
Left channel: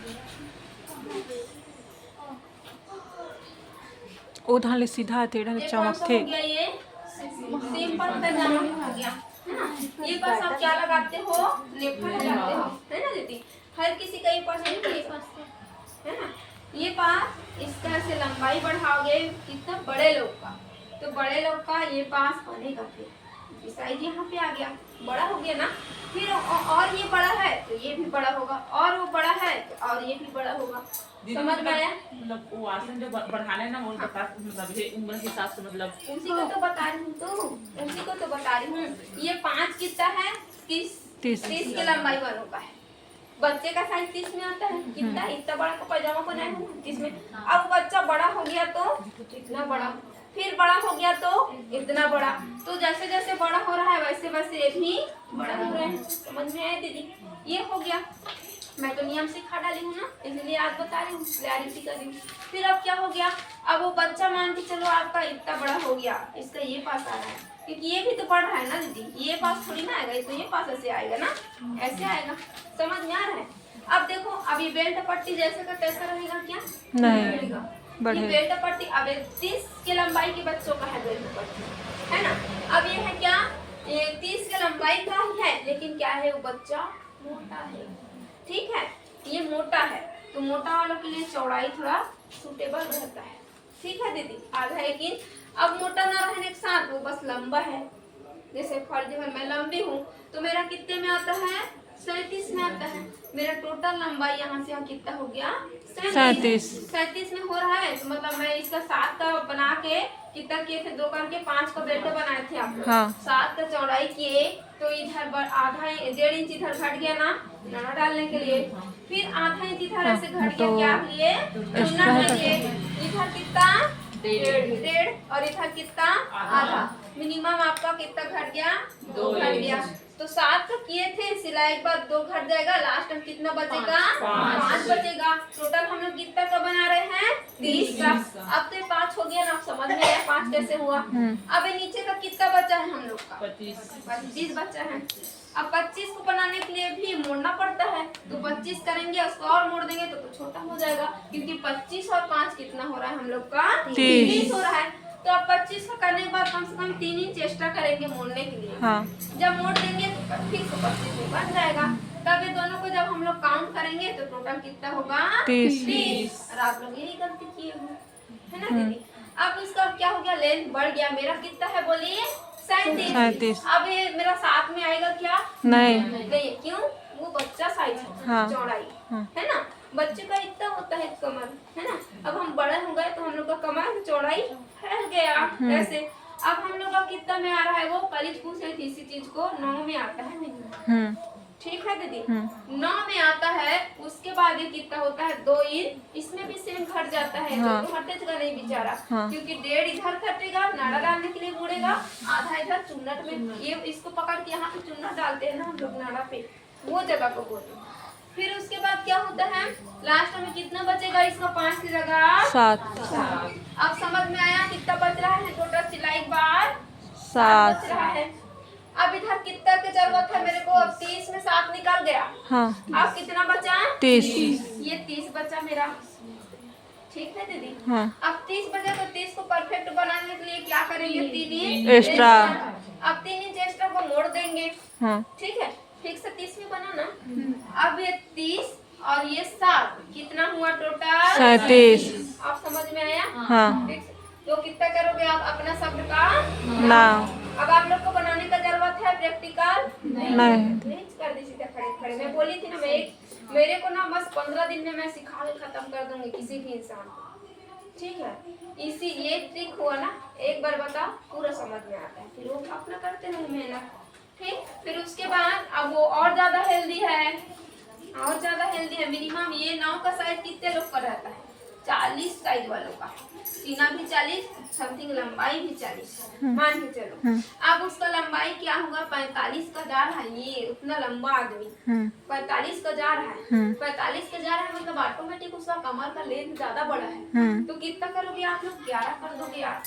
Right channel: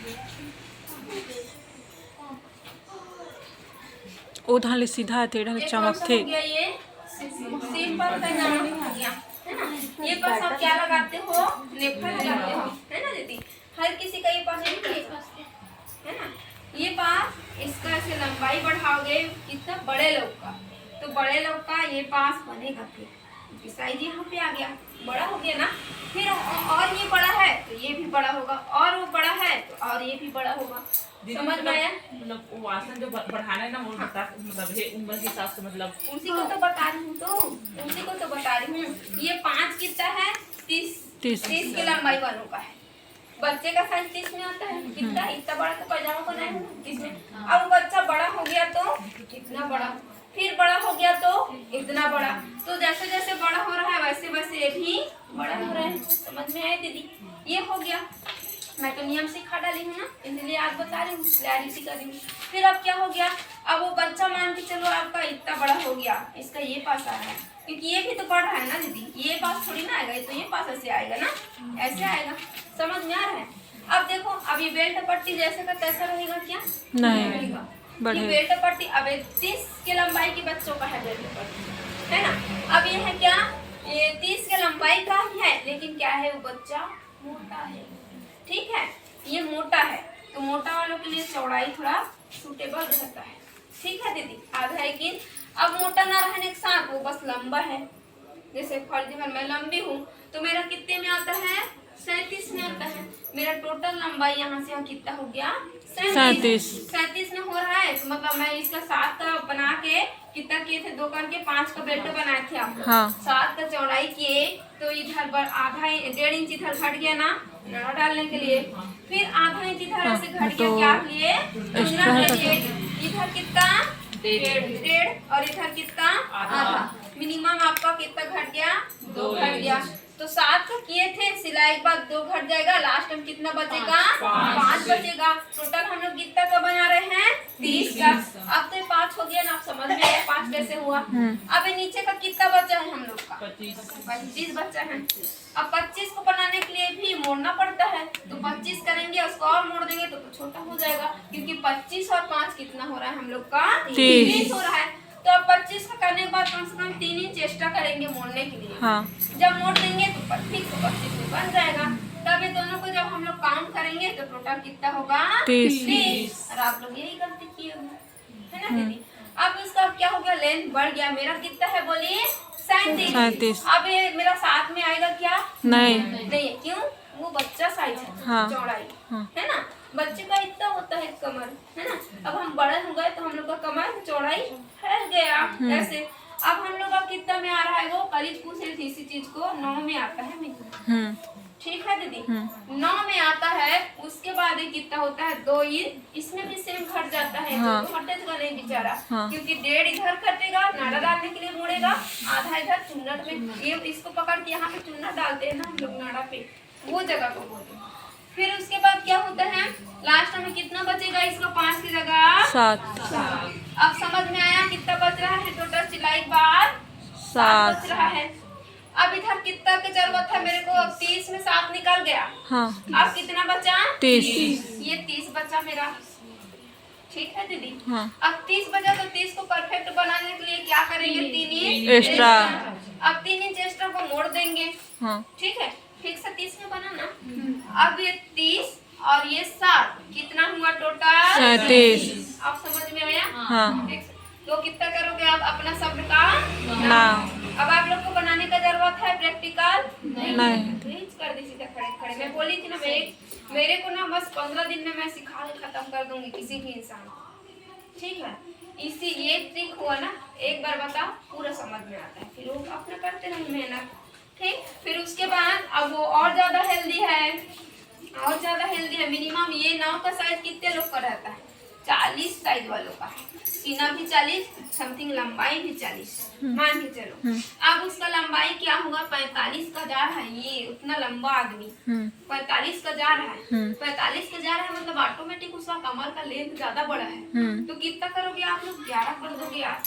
उधर ले सीधा टेढ़ा ले चमकते। ये सिंपल पैजामा हो गया है ना। ये पास आप क्या लगाते हो, नेफा लगाते हो है ना दीदी, हर किसी का ये पास है ना। ये पास इसका ऐसे लंबाई बढ़ाओगे कितना बड़े लोग का, तो बड़े लोग का ये पास बनेगा, फिर साइज यहाँ पे आ गया बड़ा हो गया ना। फिर और ये बड़ा है तो ये भी बड़ा होगा, और वो बड़ा है तो और ये भी बड़ा होगा, समझ में आया। मतलब वो आसन जो बढ़ाना है ना वो बता मतलब ये उम्र के हिसाब से मतलब उसी को तो बता रही हूँ, तो उसी को तो बता रही हूँ। ये 5 कितना है 30 की लंबाई वालों का है, बच्चे का साइज 30 में आता है, कितना इतना बड़ा का पैजामा बनाए है ना 30 में। अब बच्चा बड़ा हो गया तो इतना बड़ा, फिर बड़ा हो गया तो इतना बड़ा, तो जैसे जैसे बड़ा हो रहा है वैसे वैसे भी बड़ा हो रहा है, समझ में आए दीदी। ये हो गया, मैं तो नियम सिखा डाली हूँ ना इसलिए आज बता रही हूँ, क्लैरिटी कर रही हूँ। फिर अब क्या हो गया, अब वो बच्चा मान के चलो आपका इतना बड़ा हो गया, इसका ये पास आ रहा है क्योंकि ये भी तो बढ़ रहा है ना दीदी, ये पास थोड़ी ना आएगा, तो ये पास ऐसे आएगा ना, ऐसे आएगा, समझ में आ रहा है। अब देखो अब ये बेल्ट पट्टी जैसे का तैसा रहेगा क्या नहीं रहेगा, बढ़े। ये बेल्ट पट्टी अब 30 के लंबाई के बच्चों का है बेल्ट पट्टी है ना। अब ये है क्या, ये 30 के लंबाई का ही है, लेकिन क्या है वो बच्चा मोटा है, ठीक है ये मोटा है, तो मोटा वालों के लिए चौड़ाई थोड़ा सूटेबल रहता है, ठीक है दीदी। आधा है कि अब मोटा ना रहने के साथ वो बस लंबा है, जैसे फॉर एग्जाम्पल मैं लंबी हूँ तो मेरा कितने में आता है 37 में आता है, मेरा टोटल लंबाई यहाँ से यहाँ कितना हो गया 37 में हो रहा है, तो मतलब मैं इसका 7 का बना के कितना किए थे 2 करके 5 का बेल्ट बनाए थे आप, हाँ 7 का चौड़ाई किए तो इधर आधा 1.5 इंच इधर घट गया ना नड़ा डालने के लिए, फिर आधा इंच इधर ऐसे घट गया क्या लिए चुना के लिए, इधर कितना 1.5 और इधर कितना आधा, मिनिमम आपका कितना घट गया 2 घट गया। तो 7 का किए थे सिलाई के बाद 2 घट जाएगा, लास्ट में कितना बचेगा 5 बचेगा। टोटल हम लोग कितना का बना रहे हैं 30 का। अब तो 5 हो गया ना, आप समझ में आया 5 कैसे हुआ। अब नीचे का कितना बचा है हम लोग का 25 बचा है। अब 25 को बनाने के लिए भी मोड़ना पड़ता है, तो 25 करेंगे उसको और मोड़ देंगे तो छोटा हो जाएगा, क्योंकि 25 और 5 कितना हो रहा है हम लोग का 30 हो रहा है। तो अब 25 का करने के बाद कम से कम 3 इंच एक्स्ट्रा करेंगे मोड़ने के लिए, हाँ जब मोड़ देंगे तो 25 में बन जाएगा। तब ये दोनों को जब हम लोग काउंट करेंगे तो टोटल कितना होगा 30। और आप लोग यही गलती किए हो है ना दीदी। अब इसका क्या हो गया लेंथ बढ़ गया, मेरा कितना है बोलिए 37। अब ये मेरा साथ में आएगा क्या नहीं, क्यों वो बच्चा साइज है हाँ चौड़ाई हाँ है ना, बच्चे का इतना होता है कमर है ना। अब हम बड़े हो गए तो हम लोग का कमर चौड़ाई फैल गया ऐसे। अब हम लोग का कितना में आ रहा है, वो करीब पूछ रही थी इसी चीज को 9 में आता है, ठीक है दीदी 9 में आता है। उसके बाद ये कितना होता है 2 इंच, इसमें भी सेम घट जाता है, हाँ। तो हटेगा नहीं बेचारा, हाँ। क्योंकि 1.5 इधर कटेगा नाड़ा डालने के लिए मुड़ेगा, आधा इधर चुन्नट में, ये इसको पकड़ के यहाँ पे चुन्नट डालते हैं ना हम लोग नाड़ा पे, वो जगह को बोलते हैं। फिर उसके बाद क्या होता है लास्ट में कितना बचेगा इसका 5 की जगह 7। अब समझ में आया कितना बच रहा है, टोटल सिलाई बार 7 बच रहा है। अब इधर कितना की जरूरत है मेरे को, अब 30 में 7 निकल गया, हाँ अब कितना बचा 30। ये 30 बचा मेरा, ठीक है दीदी। हाँ अब 30 बचा तो 30 को परफेक्ट बनाने के लिए क्या करेंगे 3 इंच एक्स्ट्रा। अब 3 इंच एक्स्ट्रा को मोड़ देंगे, हाँ ठीक है फिर से 30 में बना ना। अब ये 30 और ये 7 कितना हुआ टोटल 37। आप समझ में आया हाँ तो कितना करोगे आप अपना शब्द का ना अब आप लोग को बनाने का जरूरत है प्रैक्टिकल नहीं कर दी सीधा खड़े खड़े। मैं बोली थी ना मेरे को ना बस 15 दिन में मैं सिखा के खत्म कर दूंगी किसी भी इंसान को, ठीक है, इसी ये ट्रिक हुआ ना, एक बार बताओ पूरा समझ में आता है, फिर वो अपना करते हैं मेहनत। ठीक, फिर उसके बाद अब वो और ज्यादा हेल्दी है, और ज्यादा हेल्दी है। मिनिमम ये नाव का साइज कितने लोग का रहता है? 40 साइज वालों का, सीना भी 40, समथिंग लंबाई भी 40 मान के चलो। अब उसका लंबाई क्या होगा? 45 का जा रहा है, ये उतना लंबा आदमी 45 का जा रहा है, 45 का जा रहा है मतलब ऑटोमेटिक उसका कमर का लेंथ ज्यादा बड़ा है। तो कितना करोगे आप लोग? 11 कर दोगे आप।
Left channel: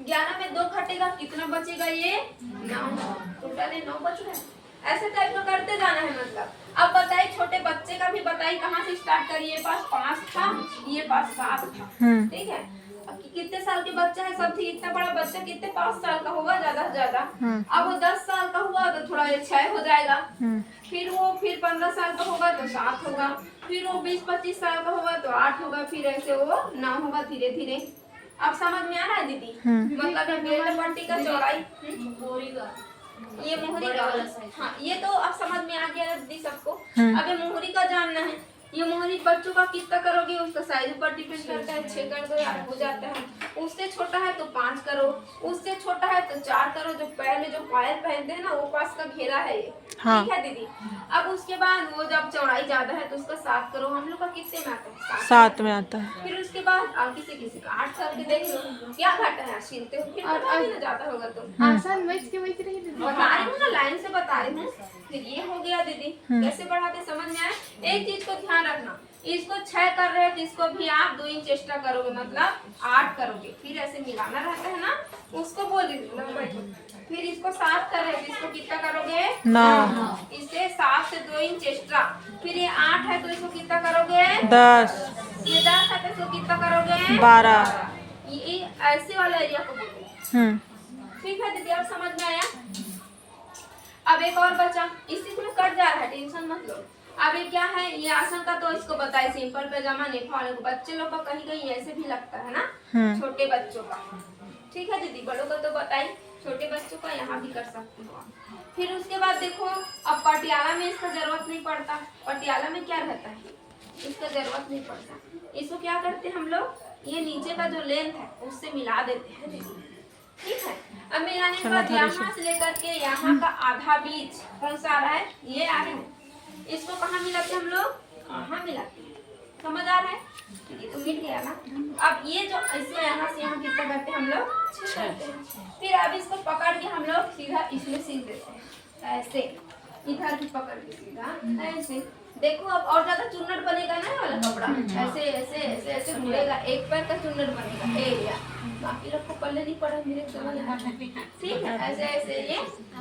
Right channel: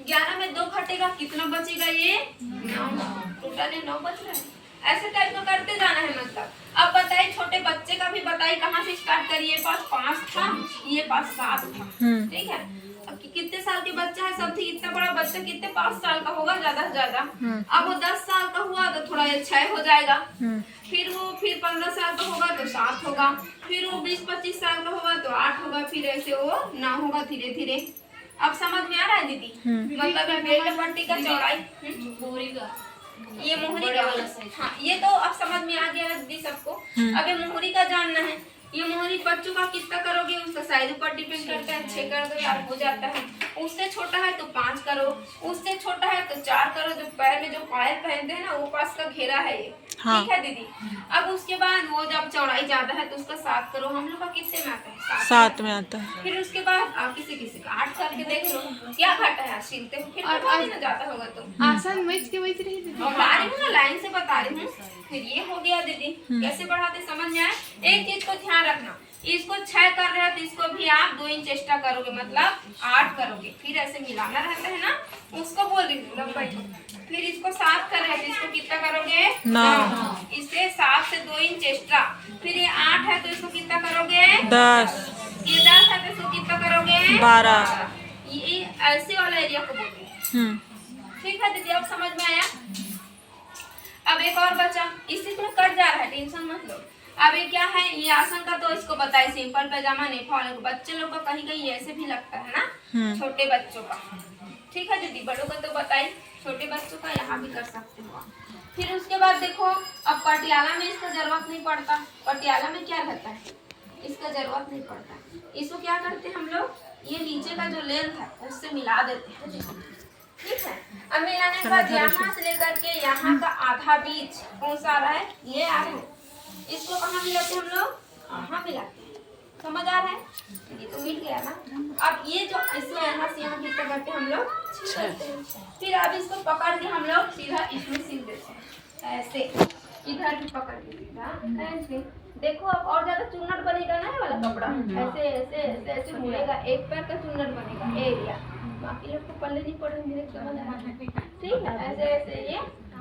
11 में 2 घटेगा, कितना बचेगा? ये 9, टोटल ये 9 बच रहा है। ऐसे टाइप में करते जाना है मतलब। अब बताइए छोटे बच्चे का भी बताइए कहाँ से स्टार्ट करिए। पास 5 था, ये पास 7 था, ठीक है। अब कितने साल के बच्चा है? सब ठीक, इतना बड़ा बच्चा कितने 5 साल का होगा ज्यादा से ज्यादा। अब वो 10 साल का हुआ तो थोड़ा 6 हो जाएगा, फिर 15 साल का होगा तो 7 होगा, फिर वो 20-25 साल का होगा तो 8 होगा, फिर ऐसे वो 9 होगा धीरे धीरे। अब समझ में आ रहा है दीदी? मतलब बेल्ट पट्टी का चौड़ाई, ये मोहरी का, हाँ ये तो अब समझ में आ गया दीदी सबको। अब ये मोहरी का जानना है। ये मोहरी बच्चों का कितना करोगे उसका साइज ऊपर डिपेंड करता है। 6 कर दो यार, हो जाता है। उससे छोटा है तो 5 करो, उससे छोटा है तो 4 करो। जो पैर में जो पायल पहनते हैं ना, वो पास का घेरा है ये, हाँ। ठीक है दीदी। अब उसके बाद वो जब चौड़ाई ज्यादा है तो उसका 7 करो। हम लोग का कितने में आता है? 7 में आता है। फिर उसके बाद किसी किसी का 8 करके देख लो क्या घाटा है, सिलते हो फिर पता नहीं ना जाता होगा तो। आसान वैसे के वैसे रही दीदी। बता रही हूँ ना, लाइन से बता रही हूँ। फिर ये हो गया दीदी, कैसे बढ़ाते समझ में आए? एक चीज को ध्यान रखना, इसको 6 कर रहे हैं तो इसको भी आप 2 इंच एक्स्ट्रा करोगे, मतलब 8 करोगे। फिर ऐसे मिलाना रहता है ना, उसको बोल रही हूँ लंबाई को। फिर इसको 7 कर रहे हैं तो इसको कितना करोगे? 9। इससे 7 से 2 इंच एक्स्ट्रा। फिर ये 8 है तो इसको कितना करोगे? 10। ये 10 है तो इसको कितना करोगे? 12। ये ऐसे वाला एरिया को बोलते हैं, ठीक है दीदी। अब समझ में आया? अब एक और बचा, इसी में कट जा रहा है, टेंशन मत लो। अब ये क्या है? ये आसन का तो इसको बताए, सिंपल पैजामा नहीं फॉलो। बच्चे लोग का कहीं कहीं ऐसे भी लगता है ना, छोटे बच्चों का, ठीक है दीदी। बड़ों का तो बताइए, छोटे बच्चों का यहाँ भी कर सकते हो। फिर उसके बाद देखो, अब पटियाला में इसका जरूरत नहीं पड़ता। पटियाला में क्या रहता है? इसका जरूरत नहीं पड़ता। इसको क्या करते हैं हम लोग? ये नीचे का जो लेंथ है उससे मिला देते हैं, ठीक है। अब मिलाने के बाद यहाँ से लेकर के यहाँ का आधा बीच कौन सा आ रहा है? ये आ रहा है। इसको कहाँ मिलाते हम लोग? यहाँ मिलाते हैं। समझ आ रहा है? ये तो मिल गया ना। अब ये जो इसमें यहाँ से यहाँ कितना करते हैं हम लोग? 6। फिर अब इसको पकड़ के हम लोग सीधा इसमें सील देते हैं, ऐसे। इधर भी पकड़ के सीधा ऐसे। देखो अब और ज्यादा चुन्नट बनेगा ना वाला कपड़ा, ऐसे ऐसे ऐसे ऐसे मुड़ेगा। एक पैर का चुन्नट बनेगा एरिया, बाकी लोग को पल्ले नहीं पड़ा मेरे समझ आ रहा है, ठीक है। ऐसे ऐसे ये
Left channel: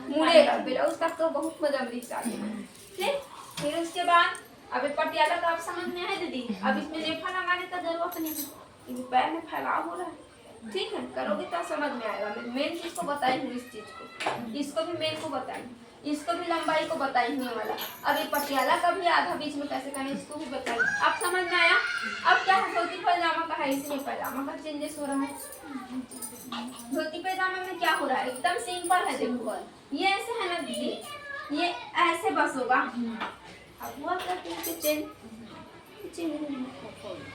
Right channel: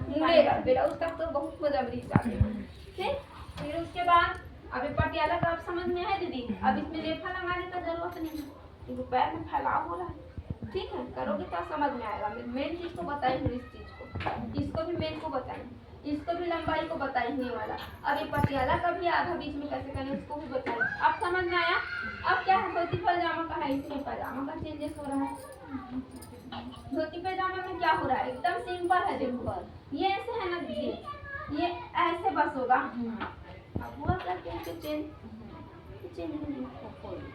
मुड़ेगा, ब्लाउज तक तो बहुत मजा मिल जाती है, ठीक। फिर उसके बाद अब पटियाला का आप समझ में आए दीदी? अब इसमें रेखा लगाने का जरूरत नहीं है, क्योंकि पैर में फैलाव हो रहा है, ठीक है। करोगे तो समझ में आएगा। मैं मेन चीज को बताई हूँ, इस चीज को, इसको भी मेन को बताई, इसको भी लंबाई को बताई हुई वाला। अब ये पटियाला का भी आधा बीच में कैसे करना इसको भी बताई। आप समझ में आया? अब क्या है, धोती पैजामा का है, इसमें पैजामा का चेंजेस हो रहा है। धोती पैजामा में क्या हो रहा है? एकदम सिंपल है। देखो ये ऐसे है ना दीदी, ये ऐसे बस होगा। अब हुआ क्या चेंज,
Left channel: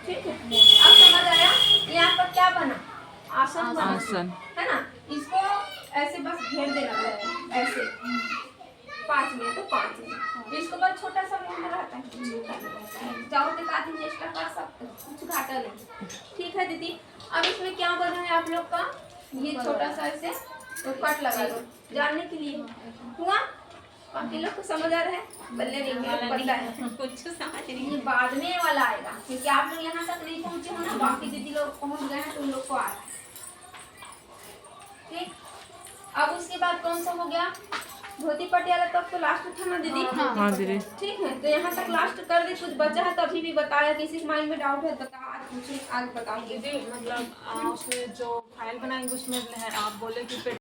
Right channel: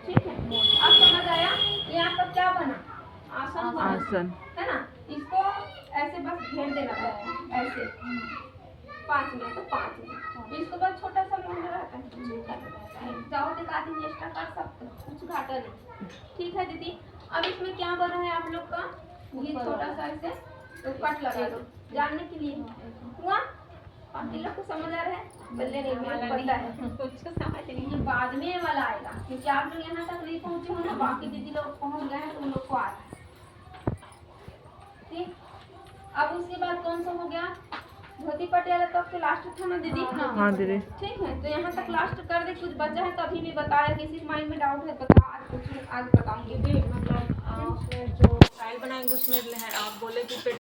ठीक है। अब समझ आया? यहाँ पर क्या बना? आसन बना, आसन है ना। इसको ऐसे बस घेर देना है, ऐसे 5 में तो 5 में। इसको बाद छोटा सा मोहना रहता है, जाओ तो आधी चेष्टा कर सकते हो, कुछ घाटा नहीं, ठीक है दीदी। अब इसमें क्या बना है आप लोग का? ये छोटा सा ऐसे तो कट लगा दो, जानने के लिए हुआ। बाकी लोग को समझ आ रहा है? बल्ले नहीं, मेरे को पता है कुछ समझ नहीं। ये बाद में वाला आएगा, क्योंकि आप लोग यहाँ तक नहीं पहुँचे हो ना, बाकी दीदी लोग पहुँच गए हैं तो उन लोग को आ रहा है, ठीक। अब उसके बाद कौन सा हो गया? धोती पटियाला तक तो लास्ट था ना दीदी? हाँ दीदी। ठीक है, तो यहाँ तक लास्ट कर दे। कुछ बचा है तो अभी भी बताया, किसी के माइंड में डाउट है तो आज पूछूं, आज बताऊंगी। दीदी मतलब उसमें जो फाइल बनाएंगे उसमें आप बोले कि